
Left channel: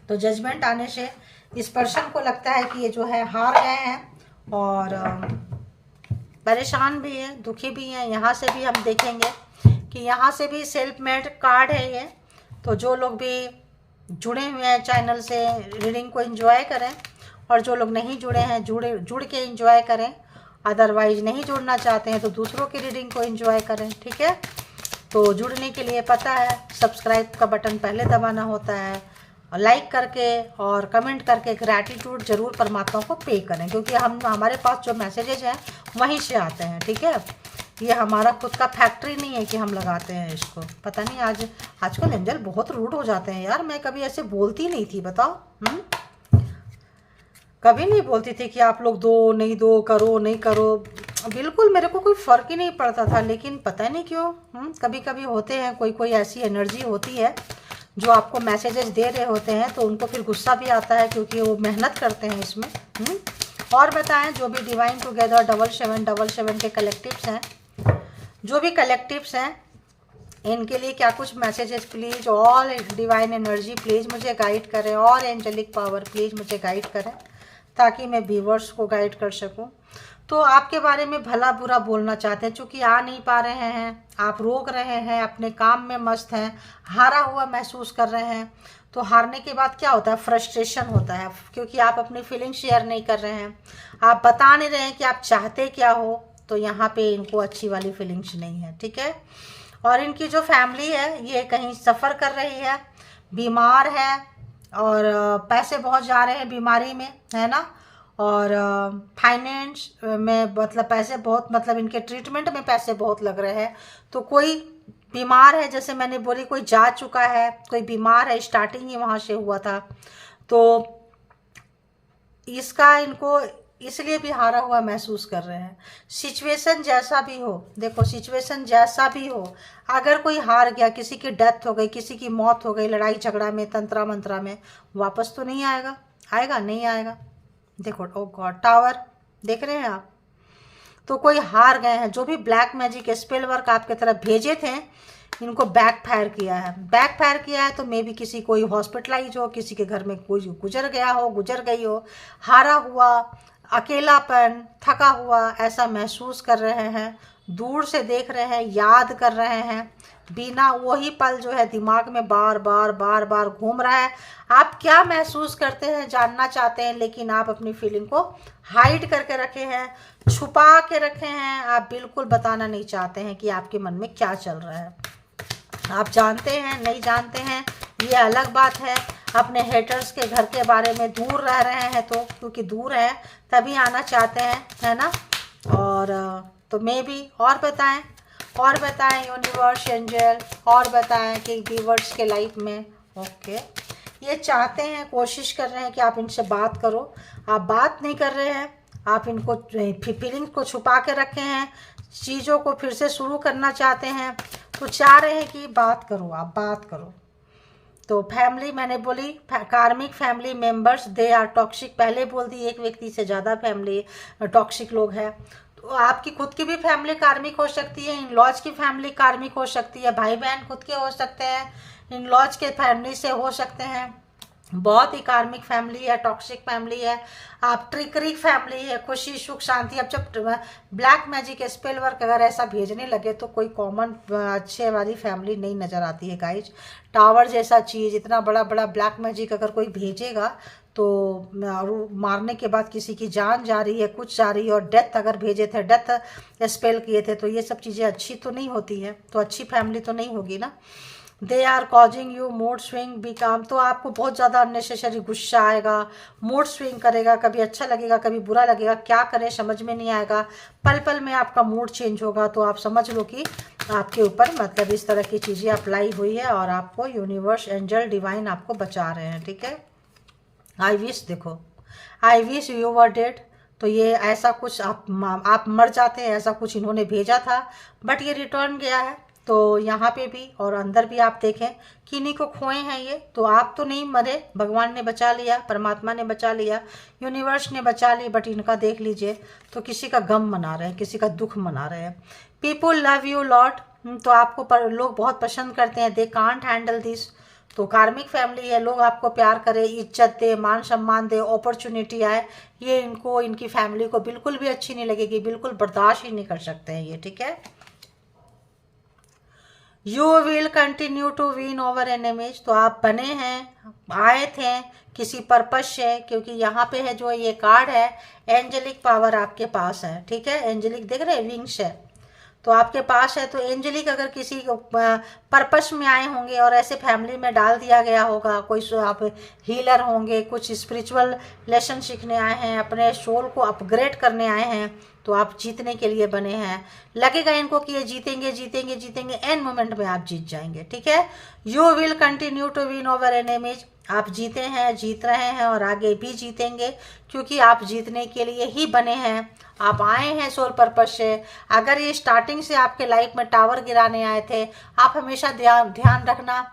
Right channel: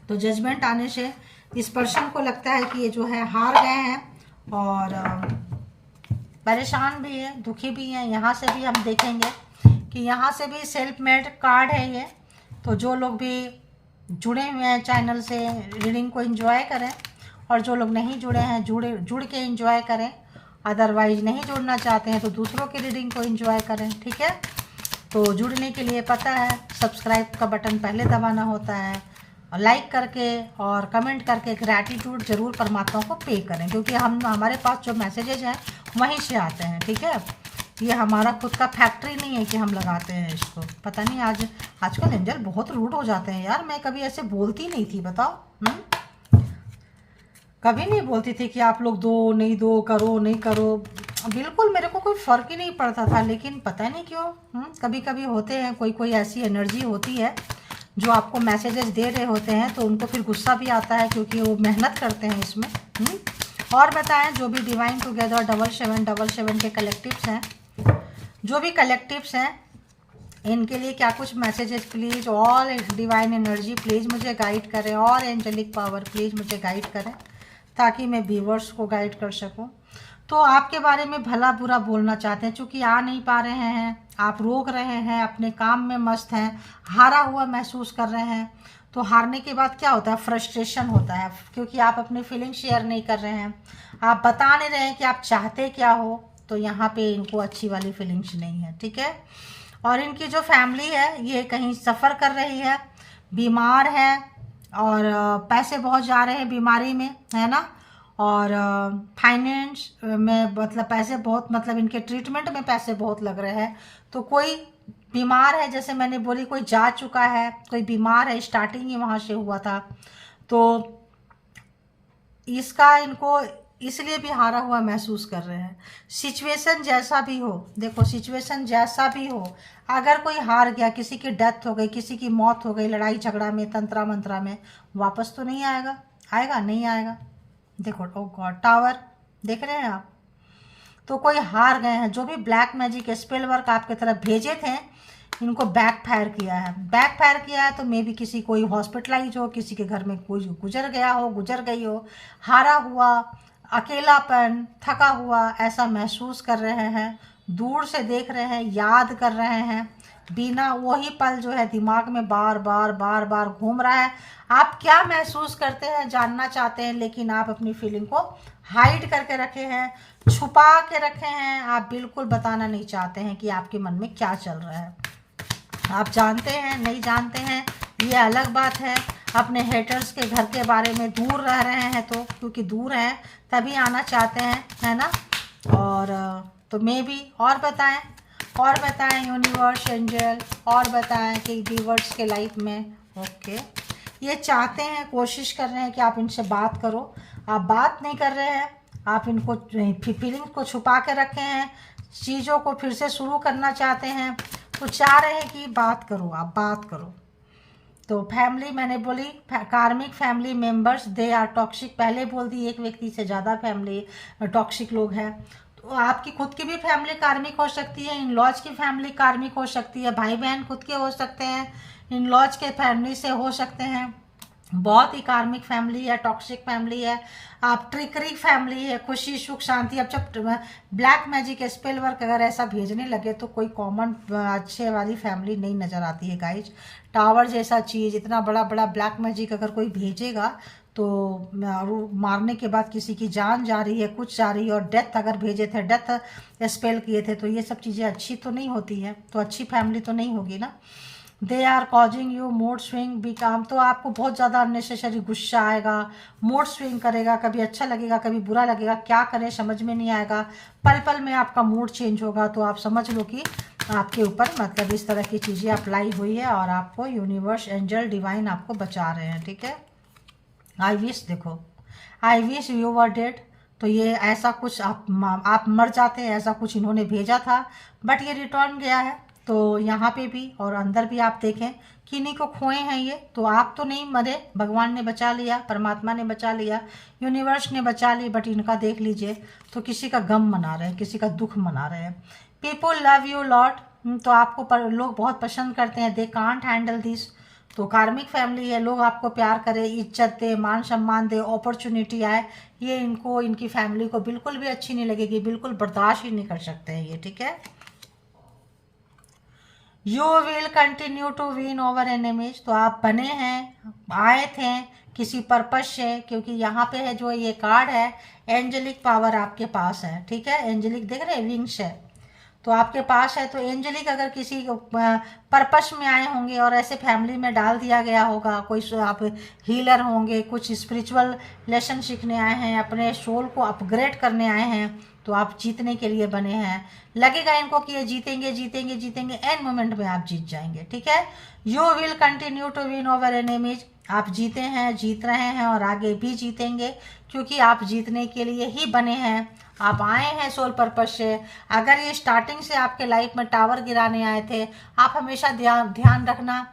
तो जजमेंट आने से इस पर्सन को लगता है कि ये जो है हार गए हैं और परेशान भी है, दुखी भी हैं। यहाँ से भी हम देखेंगे कि यहाँ से भी सेल्फ मेड कार्ड है ये। तो जो लोग भी जुड़े हुए हैं चैनल से, रीडिंग को एंजॉय करें, और जो लोग नहीं जुड़े हैं जुड़ के एंजॉय करें। अदरवाइज नहीं जुड़ना चाहते हैं तो दूसरों की रीडिंग को एंजॉय करें। ठीक है, तो जुड़ने के लिए पता है सब्सक्राइब का बटन पहले दबाना होता है, लाइक करके और कमेंट करके ग्रैटिट्यूड जरूर परमात्मा को पे करें, क्योंकि हमारे पास जो मैसेजेस हैं वहीं से आते हैं। ठीक है, ये हमारा खुद का फैक्ट्री नहीं है कि हम लगाते हैं इसको। पता नहीं आजकल एंजल बहुत रूड हो जाते हैं यार। मैं कभी ऐसे बोलती नहीं थी, बताओ। कभी नहीं बोलती थी कि आप लोग दो नहीं दो, करो नहीं करो, बिल्कुल मेरे को कोई फ़र्क ही नहीं पड़ता था। लेकिन पता नहीं क्यों कभी कभी होते हैं, कोई ऐसी एनर्जी होती है जो आपको मैसेजेस दे रहे होते हैं, तो उनको फिर गुस्सा भी आता है क्योंकि वो मेहनत करते हैं इसमें। और बताएं, जो भी डिवाइन टुगेदर 7777 के कलेक्टिव्स हैं, जो भी कलेक्टिव्स हैं, इनके लिए क्या कुछ messages please. All divine energy please मुझे गाइड करें, और एंजेलिक पावर प्लीज़ मुझे गाइड करें, ताकि मैं व्यूवर्स को गाइड कर सकूं। तो आपके बारे में भला बुरा बोलना चाहते हैं, चूँकि आ नहीं पा रहे हैं, आप रोक रहे हैं, अपने काम में मस्त हैं, हारा हुआ महसूस कर रहे हैं। तो हारने के बाद क्या होता है? फ्रस्ट्रेशन होता है, क्योंकि आप अपनी फीलिंग शेयर नहीं कर रहे हैं, आप बता नहीं रहे हैं कि आप चाहते क्या हो। तो यहाँ पे इनको अच्छी वाली फीलिंग्स नहीं है। ठीक है, और इनकी जो फैमिली है ये कहीं सफ़र कर रही है, बीमार है, और पैसे बहुत जा रहे हैं बीमारी में, है ना। और फाइनेंस में मतलब पैसे बहुत, मतलब इनके ट्रीटमेंट में पैसे बहुत लग रहे हैं। तो कोई बीमार है, जैसे मैंने बोली, कोई जा चुका है, कोई बीमार है, स्टार्टिंग ही वहाँ से हुआ था। तो इसका इनको इसलिए भी हारा हुआ महसूस कर रहे हैं। सिचुएशन जैसा भी हो, देखो सिचुएशन जैसा भी हो, अगर कोई हार गया, किसी की डेथ हो गई, किसी की मौत हो गई लड़ाई झगड़ा में, तंत्रा मंत्रा में, वापस तो नहीं आएगा। आएगा? नहीं आएगा। देखो, ओ गॉड, टावर देख रहे हैं आप। तो कोई हार गए हैं, जो भी ब्लैक मैजिक स्पेल वर्क आपके तरफ भेजे थे, इनको बैक फायर किया है। बैक फायर किया है तो मे भी किसी कोई हॉस्पिटलाइज हो, किसी के घर में कोई गुजर गया हो, गुजर गई हो, हारा हुआ, अकेलापन, थका हुआ ऐसा महसूस कर रहे हैं, दूर से देख रहे हैं, याद कर रहे हैं, बिना वही पल जो है दिमाग में बार बार बार बार घूम रहा है। आप क्या महसूस करते हैं जानना चाहते हैं, लेकिन आप अपनी फीलिंग को हाइड करके रखे हैं, छुपा के रखे हैं। आप बिल्कुल बताना नहीं चाहते हैं कि आपके मन में क्या चल रहा है। आप जानते हैं नहीं जानते हैं ये अलग बात है। अपने हेटर्स के घर के बारे में दूर रह रहे हैं, तो क्योंकि दूर है तभी आना चाहते हैं, है ना। और तो मे भी और बताएं यूनिवर्स, एंजल, और बताएं कि व्यूअर्स के लाइफ में। ओके, ये चाहते हैं, कोशिश कर रहे हैं कि आप इनसे बात करो। आप बात नहीं कर रहे हैं, आप इनको फीलिंग्स को छुपा के रखे हैं, चीज़ों को फिर से शुरू करना चाहते हैं। तो चाह रहे हैं कि बात करो, आप बात करो। तो फैमिली, मैंने बोली karmic family members they are toxic, पहले बोल दी, एक व्यक्ति से ज़्यादा फैमिली टॉक्सिक लोग हैं। तो आपकी खुद की भी फैमिली कार्मिक हो सकती है, इन लॉज की फैमिली कार्मिक हो सकती है, भाई बहन खुद के हो सकते हैं, इन लॉज के फैमिली से हो सकते हैं। बहुत ही कार्मिक फैमिली है, टॉक्सिक फैमिली है, आप ट्रिकरी फैमिली है, खुशी सुख शांति। अब जब ब्लैक मैजिक स्पेल वर्क अगर ऐसा भेजने लगे तो कोई कॉमन अच्छे वाली फैमिली नहीं नज़र आती है गाइज। टावर जैसा चीज़, इतना बड़ा बड़ा ब्लैक मैजिक अगर कोई भेजेगा तो मारने के बाद किसी की जान जा रही है, कुछ जा रही है, और डेथ अगर भेजे थे, डेथ स्पेल किए थे, तो ये सब चीज़ें अच्छी तो नहीं होती है, तो अच्छी फैमिली तो नहीं होगी ना। They are causing you mood swing, be calm. तो आपको बहुत ज़्यादा अननेसेसरी गुस्सा आएगा, मूड स्विंग करेगा, कभी अच्छा लगेगा कभी बुरा लगेगा, क्या करें समझ में नहीं आएगा, पल पल में आपका मूड चेंज होगा। तो आप समझ लो कि आपके ऊपर मतलब इस तरह की चीज़ें अप्लाई हुई है, और आपको यूनिवर्स, एंजल, डिवाइन आपको बचा रहे हैं, ठीक है। आई विश, देखो, I wish you were dead. तो ये ऐसा कुछ आप मर जाते हैं, ऐसा कुछ इन्होंने भेजा था, बट ये रिटर्न गया है। तो यहाँ पे भी और अंदर भी आप देखें, किन्हीं को खोए हैं ये, तो आप तो नहीं मरे, भगवान ने बचा लिया, परमात्मा ने बचा लिया, यूनिवर्स ने बचा ली, बट इनका देख लीजिए, तो किसी का गम मना रहे हैं, किसी का दुख मना रहे हैं। पीपुल लव यू लॉट, तो आपको लोग बहुत पसंद करते हैं, दे कांट हैंडल दिस। तो कार्मिक फैमिली है, लोग आपको प्यार करें, इज्जत दे, मान सम्मान दे, अपॉर्चुनिटी आए, ये इनको, इनकी फैमिली को बिल्कुल भी अच्छी नहीं लगेगी, बिल्कुल बर्दाश्त ही नहीं कर सकते हैं ये, ठीक है। You will continue to win over enemies. तो आप बने हैं, आए थे किसी पर्पज से, क्योंकि यहाँ पे है जो ये कार्ड है, एंजेलिक पावर आपके पास है, ठीक है। एंजेलिक देख रहे हैं, विंग्स है, तो आपके पास है। तो एंजेलिक अगर किसी पर्पस में आए होंगे और ऐसे फैमिली में डाल दिया गया होगा, कोई आप हीलर होंगे, कुछ स्पिरिचुअल लेसन सीखने आए हैं, अपने सोल को अपग्रेड करने आए हैं, तो आप जीतने के लिए बने हैं। लगेगा इनको कि ये जीतेंगे जीतेंगे जीतेंगे, एंड मोमेंट में आप जीत जाएंगे, ठीक है। You will continue to win over enemies, आप जीते हैं, जीत रहे हैं, और आगे भी जीतेंगे, क्योंकि आप जीतने के लिए ही बने हैं। आप आए हैं सोल पर्पज से। अगर ये स्टार्टिंग से आपके लाइफ में टावर गिराने आए थे, आप हमेशा ध्यान रखना,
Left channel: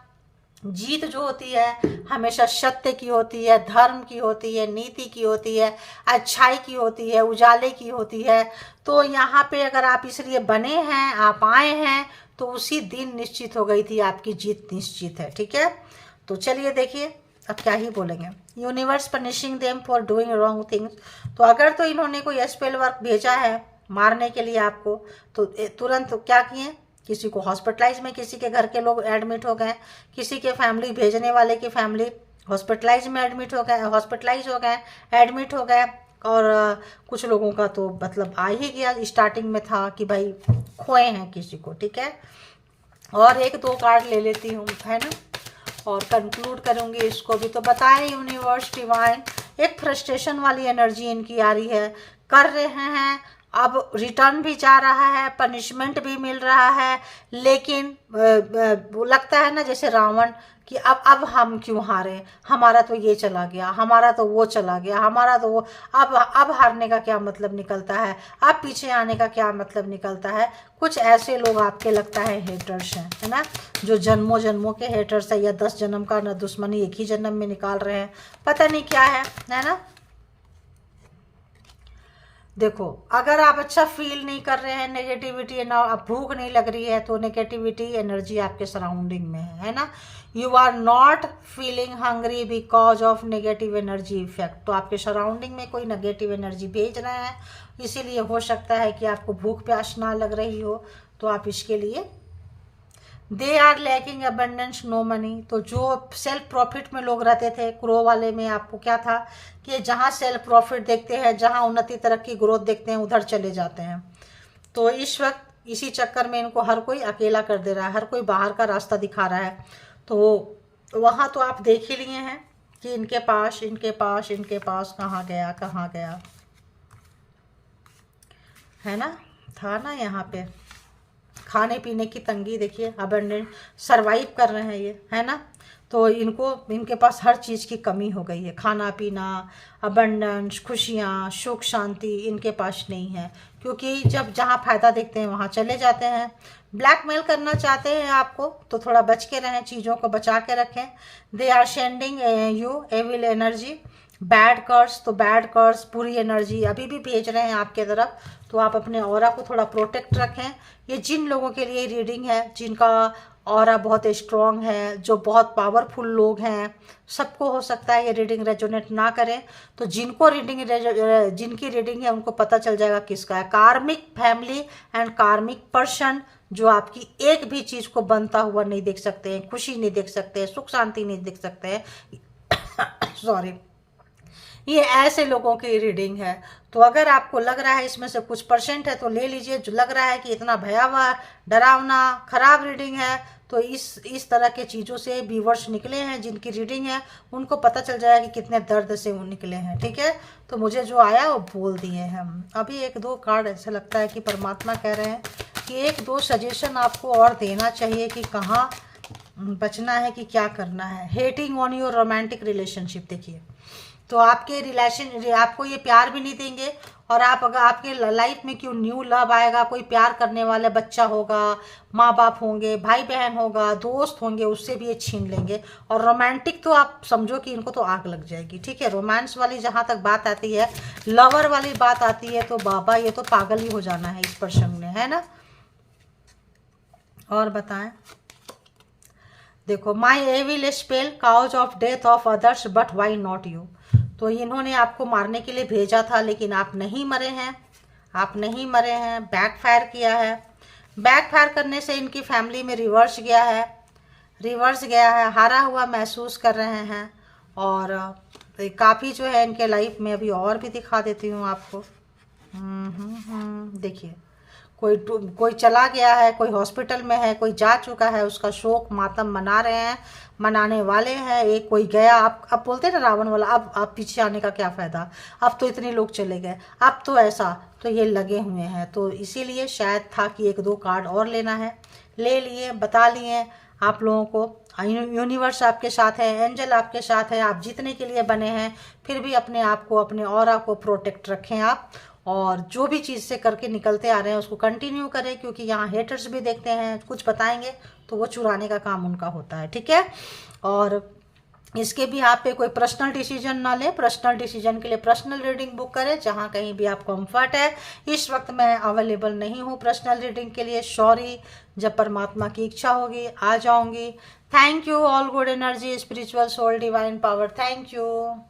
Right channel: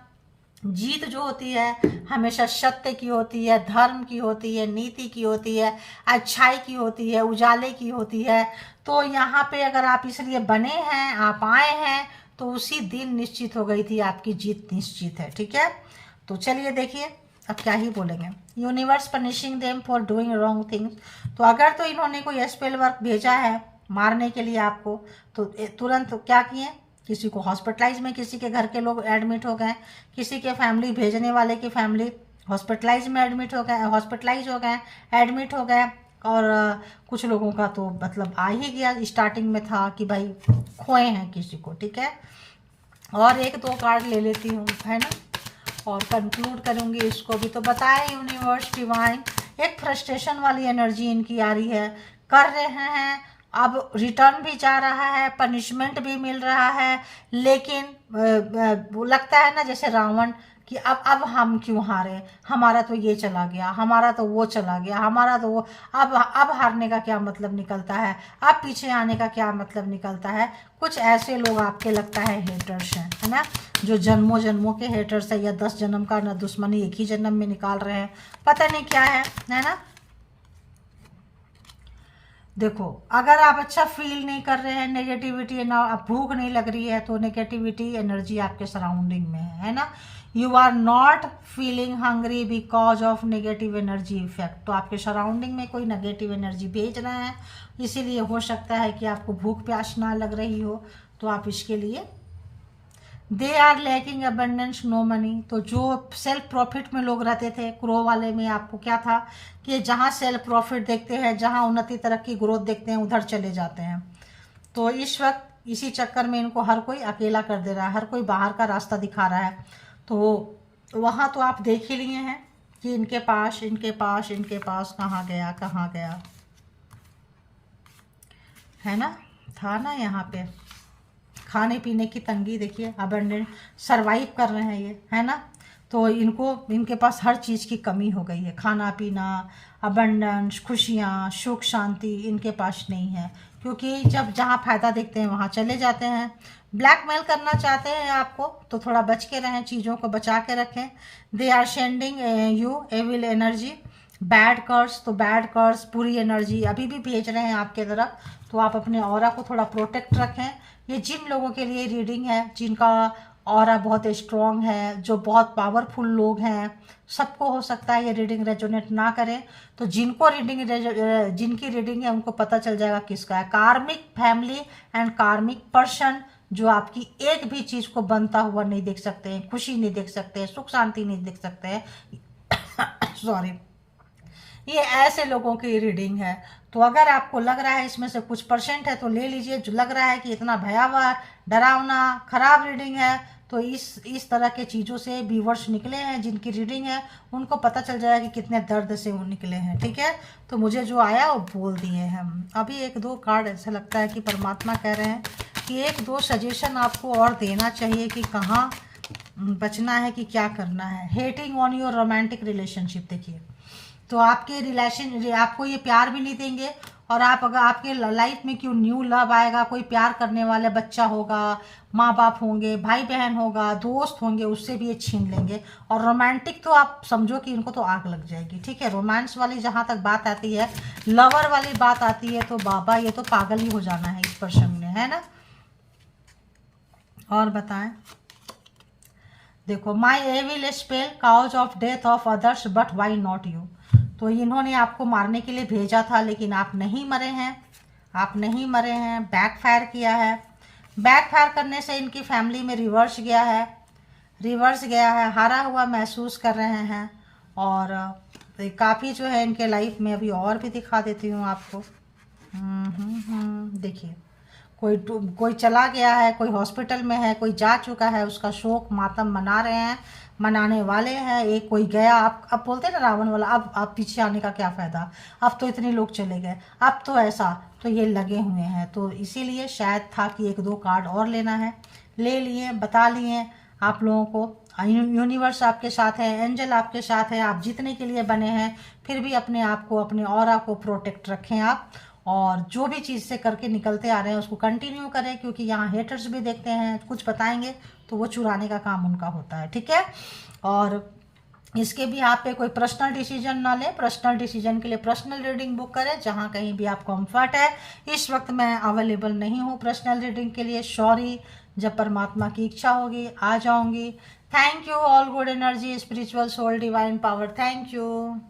जीत जो होती है हमेशा सत्य की होती है, धर्म की होती है, नीति की होती है, अच्छाई की होती है, उजाले की होती है। तो यहाँ पे अगर आप इसलिए बने हैं, आप आए हैं, तो उसी दिन निश्चित हो गई थी आपकी जीत, निश्चित है, ठीक है। तो चलिए देखिए अब क्या ही बोलेंगे। Universe punishing them for doing wrong things. तो अगर तो इन्होंने कोई स्पेल वर्क भेजा है मारने के लिए आपको, तो तुरंत क्या किए, किसी को हॉस्पिटलाइज में, किसी के घर के लोग एडमिट हो गए, किसी के फैमिली भेजने वाले की फैमिली हॉस्पिटलाइज में एडमिट हो गए, हॉस्पिटलाइज हो गए, एडमिट हो गए। और कुछ लोगों का तो मतलब आ ही गया, स्टार्टिंग में था कि भाई खोए हैं किसी को, ठीक है। और एक दो कार्ड ले लेती हूँ, है ना, और कंक्लूड करूँगी इसको भी। तो बताएं यूनिवर्स डिवाइन, एक फ्रस्ट्रेशन वाली एनर्जी इनकी आ रही है, कर रहे हैं, अब रिटर्न भी जा रहा है, पनिशमेंट भी मिल रहा है, लेकिन वो लगता है ना जैसे रावण कि अब हम क्यों हारे, हमारा तो ये चला गया, हमारा तो वो चला गया, हमारा तो वो, अब हारने का क्या मतलब निकलता है, अब पीछे आने का क्या मतलब निकलता है। कुछ ऐसे लोग आपके लगता है हेटर्स हैं, है ना, जो जन्मों जन्मों के हेटर्स है, या 10 जन्म का न दुश्मनी एक ही जन्म में निकाल रहे हैं, पता नहीं क्या है ना। देखो, अगर आप अच्छा फील नहीं कर रहे हैं, नेगेटिविटी ना, आप भूख नहीं लग रही है, तो नेगेटिविटी एनर्जी आपके सराउंडिंग में है ना। You are not feeling hungry because of negative energy effect, तो आपके सराउंडिंग में कोई नेगेटिव एनर्जी भेज रहे हैं, इसीलिए हो सकता है कि आपको भूख प्यास ना लग रही हो। तो आप इसके लिए they are lacking abundance no money, तो जो सेल्फ प्रॉफिट में लोग रहते थे, क्रो वाले में आपको क्या था कि जहाँ सेल्फ प्रॉफिट देखते हैं, जहाँ उन्नति तरक्की ग्रोथ देखते हैं, उधर चले जाते हैं। तो इस वक्त इसी चक्कर में इनको हर कोई अकेला कर दे रहा है, हर कोई बाहर का रास्ता दिखा रहा है। तो वहाँ तो आप देख ही लिए हैं कि इनके पास कहाँ गया, है ना, था ना यहाँ पे खाने पीने की तंगी, देखिए अबंडेंट सरवाइव कर रहे हैं ये, है ना। तो इनके पास हर चीज़ की कमी हो गई है, खाना पीना, अबंडेंस, खुशियाँ, सुख शांति इनके पास नहीं है, क्योंकि जब जहाँ फ़ायदा देखते हैं वहाँ चले जाते हैं। ब्लैकमेल करना चाहते हैं आपको, तो थोड़ा बच के रहें, चीज़ों को बचा के रखें। They are sending you evil energy, bad curse, तो बैड कर्स पूरी एनर्जी अभी भी भेज रहे हैं आपके तरफ, तो आप अपने ऑरा को थोड़ा प्रोटेक्ट रखें। ये जिन लोगों के लिए रीडिंग है, जिनका ऑरा बहुत स्ट्रॉन्ग है, जो बहुत पावरफुल लोग हैं, सबको हो सकता है ये रीडिंग रेजोनेट ना करे। तो जिनकी रीडिंग है उनको पता चल जाएगा किसका है। कार्मिक फैमिली एंड कार्मिक पर्सन जो आपकी एक भी चीज़ को बनता हुआ नहीं देख सकते हैं, खुशी नहीं देख सकते हैं, सुख शांति नहीं देख सकते हैं सॉरी, ये ऐसे लोगों की रीडिंग है। तो अगर आपको लग रहा है इसमें से कुछ परसेंट है तो ले लीजिए, जो लग रहा है कि इतना भयावह डरावना खराब रीडिंग है, तो इस तरह के चीज़ों से व्यूवर्स निकले हैं जिनकी रीडिंग है, उनको पता चल जाएगा कि कितने दर्द से वो निकले हैं, ठीक है। तो मुझे जो आया वो बोल दिए हैं हम। अभी एक दो कार्ड ऐसा लगता है कि परमात्मा कह रहे हैं कि एक दो सजेशन आपको और देना चाहिए कि कहाँ बचना है, कि क्या करना है। Hating on your romantic relationship, देखिए, तो आपके रिलेशन आपको ये प्यार भी नहीं देंगे, और आप अगर आपके लाइफ में क्यों न्यू लव आएगा, कोई प्यार करने वाला बच्चा होगा, माँ बाप होंगे, भाई बहन होगा, दोस्त होंगे, उससे भी ये छीन लेंगे। और रोमांटिक तो आप समझो कि इनको तो आग लग जाएगी, ठीक है। रोमांस वाली जहाँ तक बात आती है, लवर वाली बात आती है, तो बाबा ये तो पागल ही हो जाना है इस पर्सन ने, है ना। और बताएं, देखो, my evil spell cause of death of others but why not you, तो इन्होंने आपको मारने के लिए भेजा था, लेकिन आप नहीं मरे हैं, बैकफायर किया है। बैकफायर करने से इनकी फैमिली में रिवर्स गया है, हारा हुआ महसूस कर रहे हैं। और काफ़ी जो है इनके लाइफ में, अभी और भी दिखा देती हूँ आपको। देखिए, कोई चला गया है, कोई हॉस्पिटल में है, कोई जा चुका है, उसका शोक मातम मना रहे हैं, मनाने वाले हैं। एक कोई गया, आप अब बोलते हैं ना रावण वाला, अब पीछे आने का क्या फ़ायदा, अब तो इतने लोग चले गए, अब तो ऐसा, तो ये लगे हुए हैं। तो इसीलिए शायद था कि एक दो कार्ड और लेना है, ले लिए, बता लिए आप लोगों को। यूनिवर्स आपके साथ है, एंजल आपके साथ है, आप जीतने के लिए बने हैं। फिर भी अपने आप को, अपने ऑरा को प्रोटेक्ट रखें आप, और जो भी चीज़ से करके निकलते आ रहे हैं उसको कंटिन्यू करें, क्योंकि यहाँ हेटर्स भी देखते हैं, कुछ बताएंगे तो वो चुराने का काम उनका होता है, ठीक है। और इसके भी आप पे कोई पर्सनल डिसीजन ना ले, पर्सनल डिसीजन के लिए पर्सनल रीडिंग बुक करें, जहाँ कहीं भी आप कंफर्ट है। इस वक्त मैं अवेलेबल नहीं हूँ पर्सनल रीडिंग के लिए, सॉरी। जब परमात्मा की इच्छा होगी आ जाऊंगी। Thank you all good energy, spiritual soul, divine power, thank you.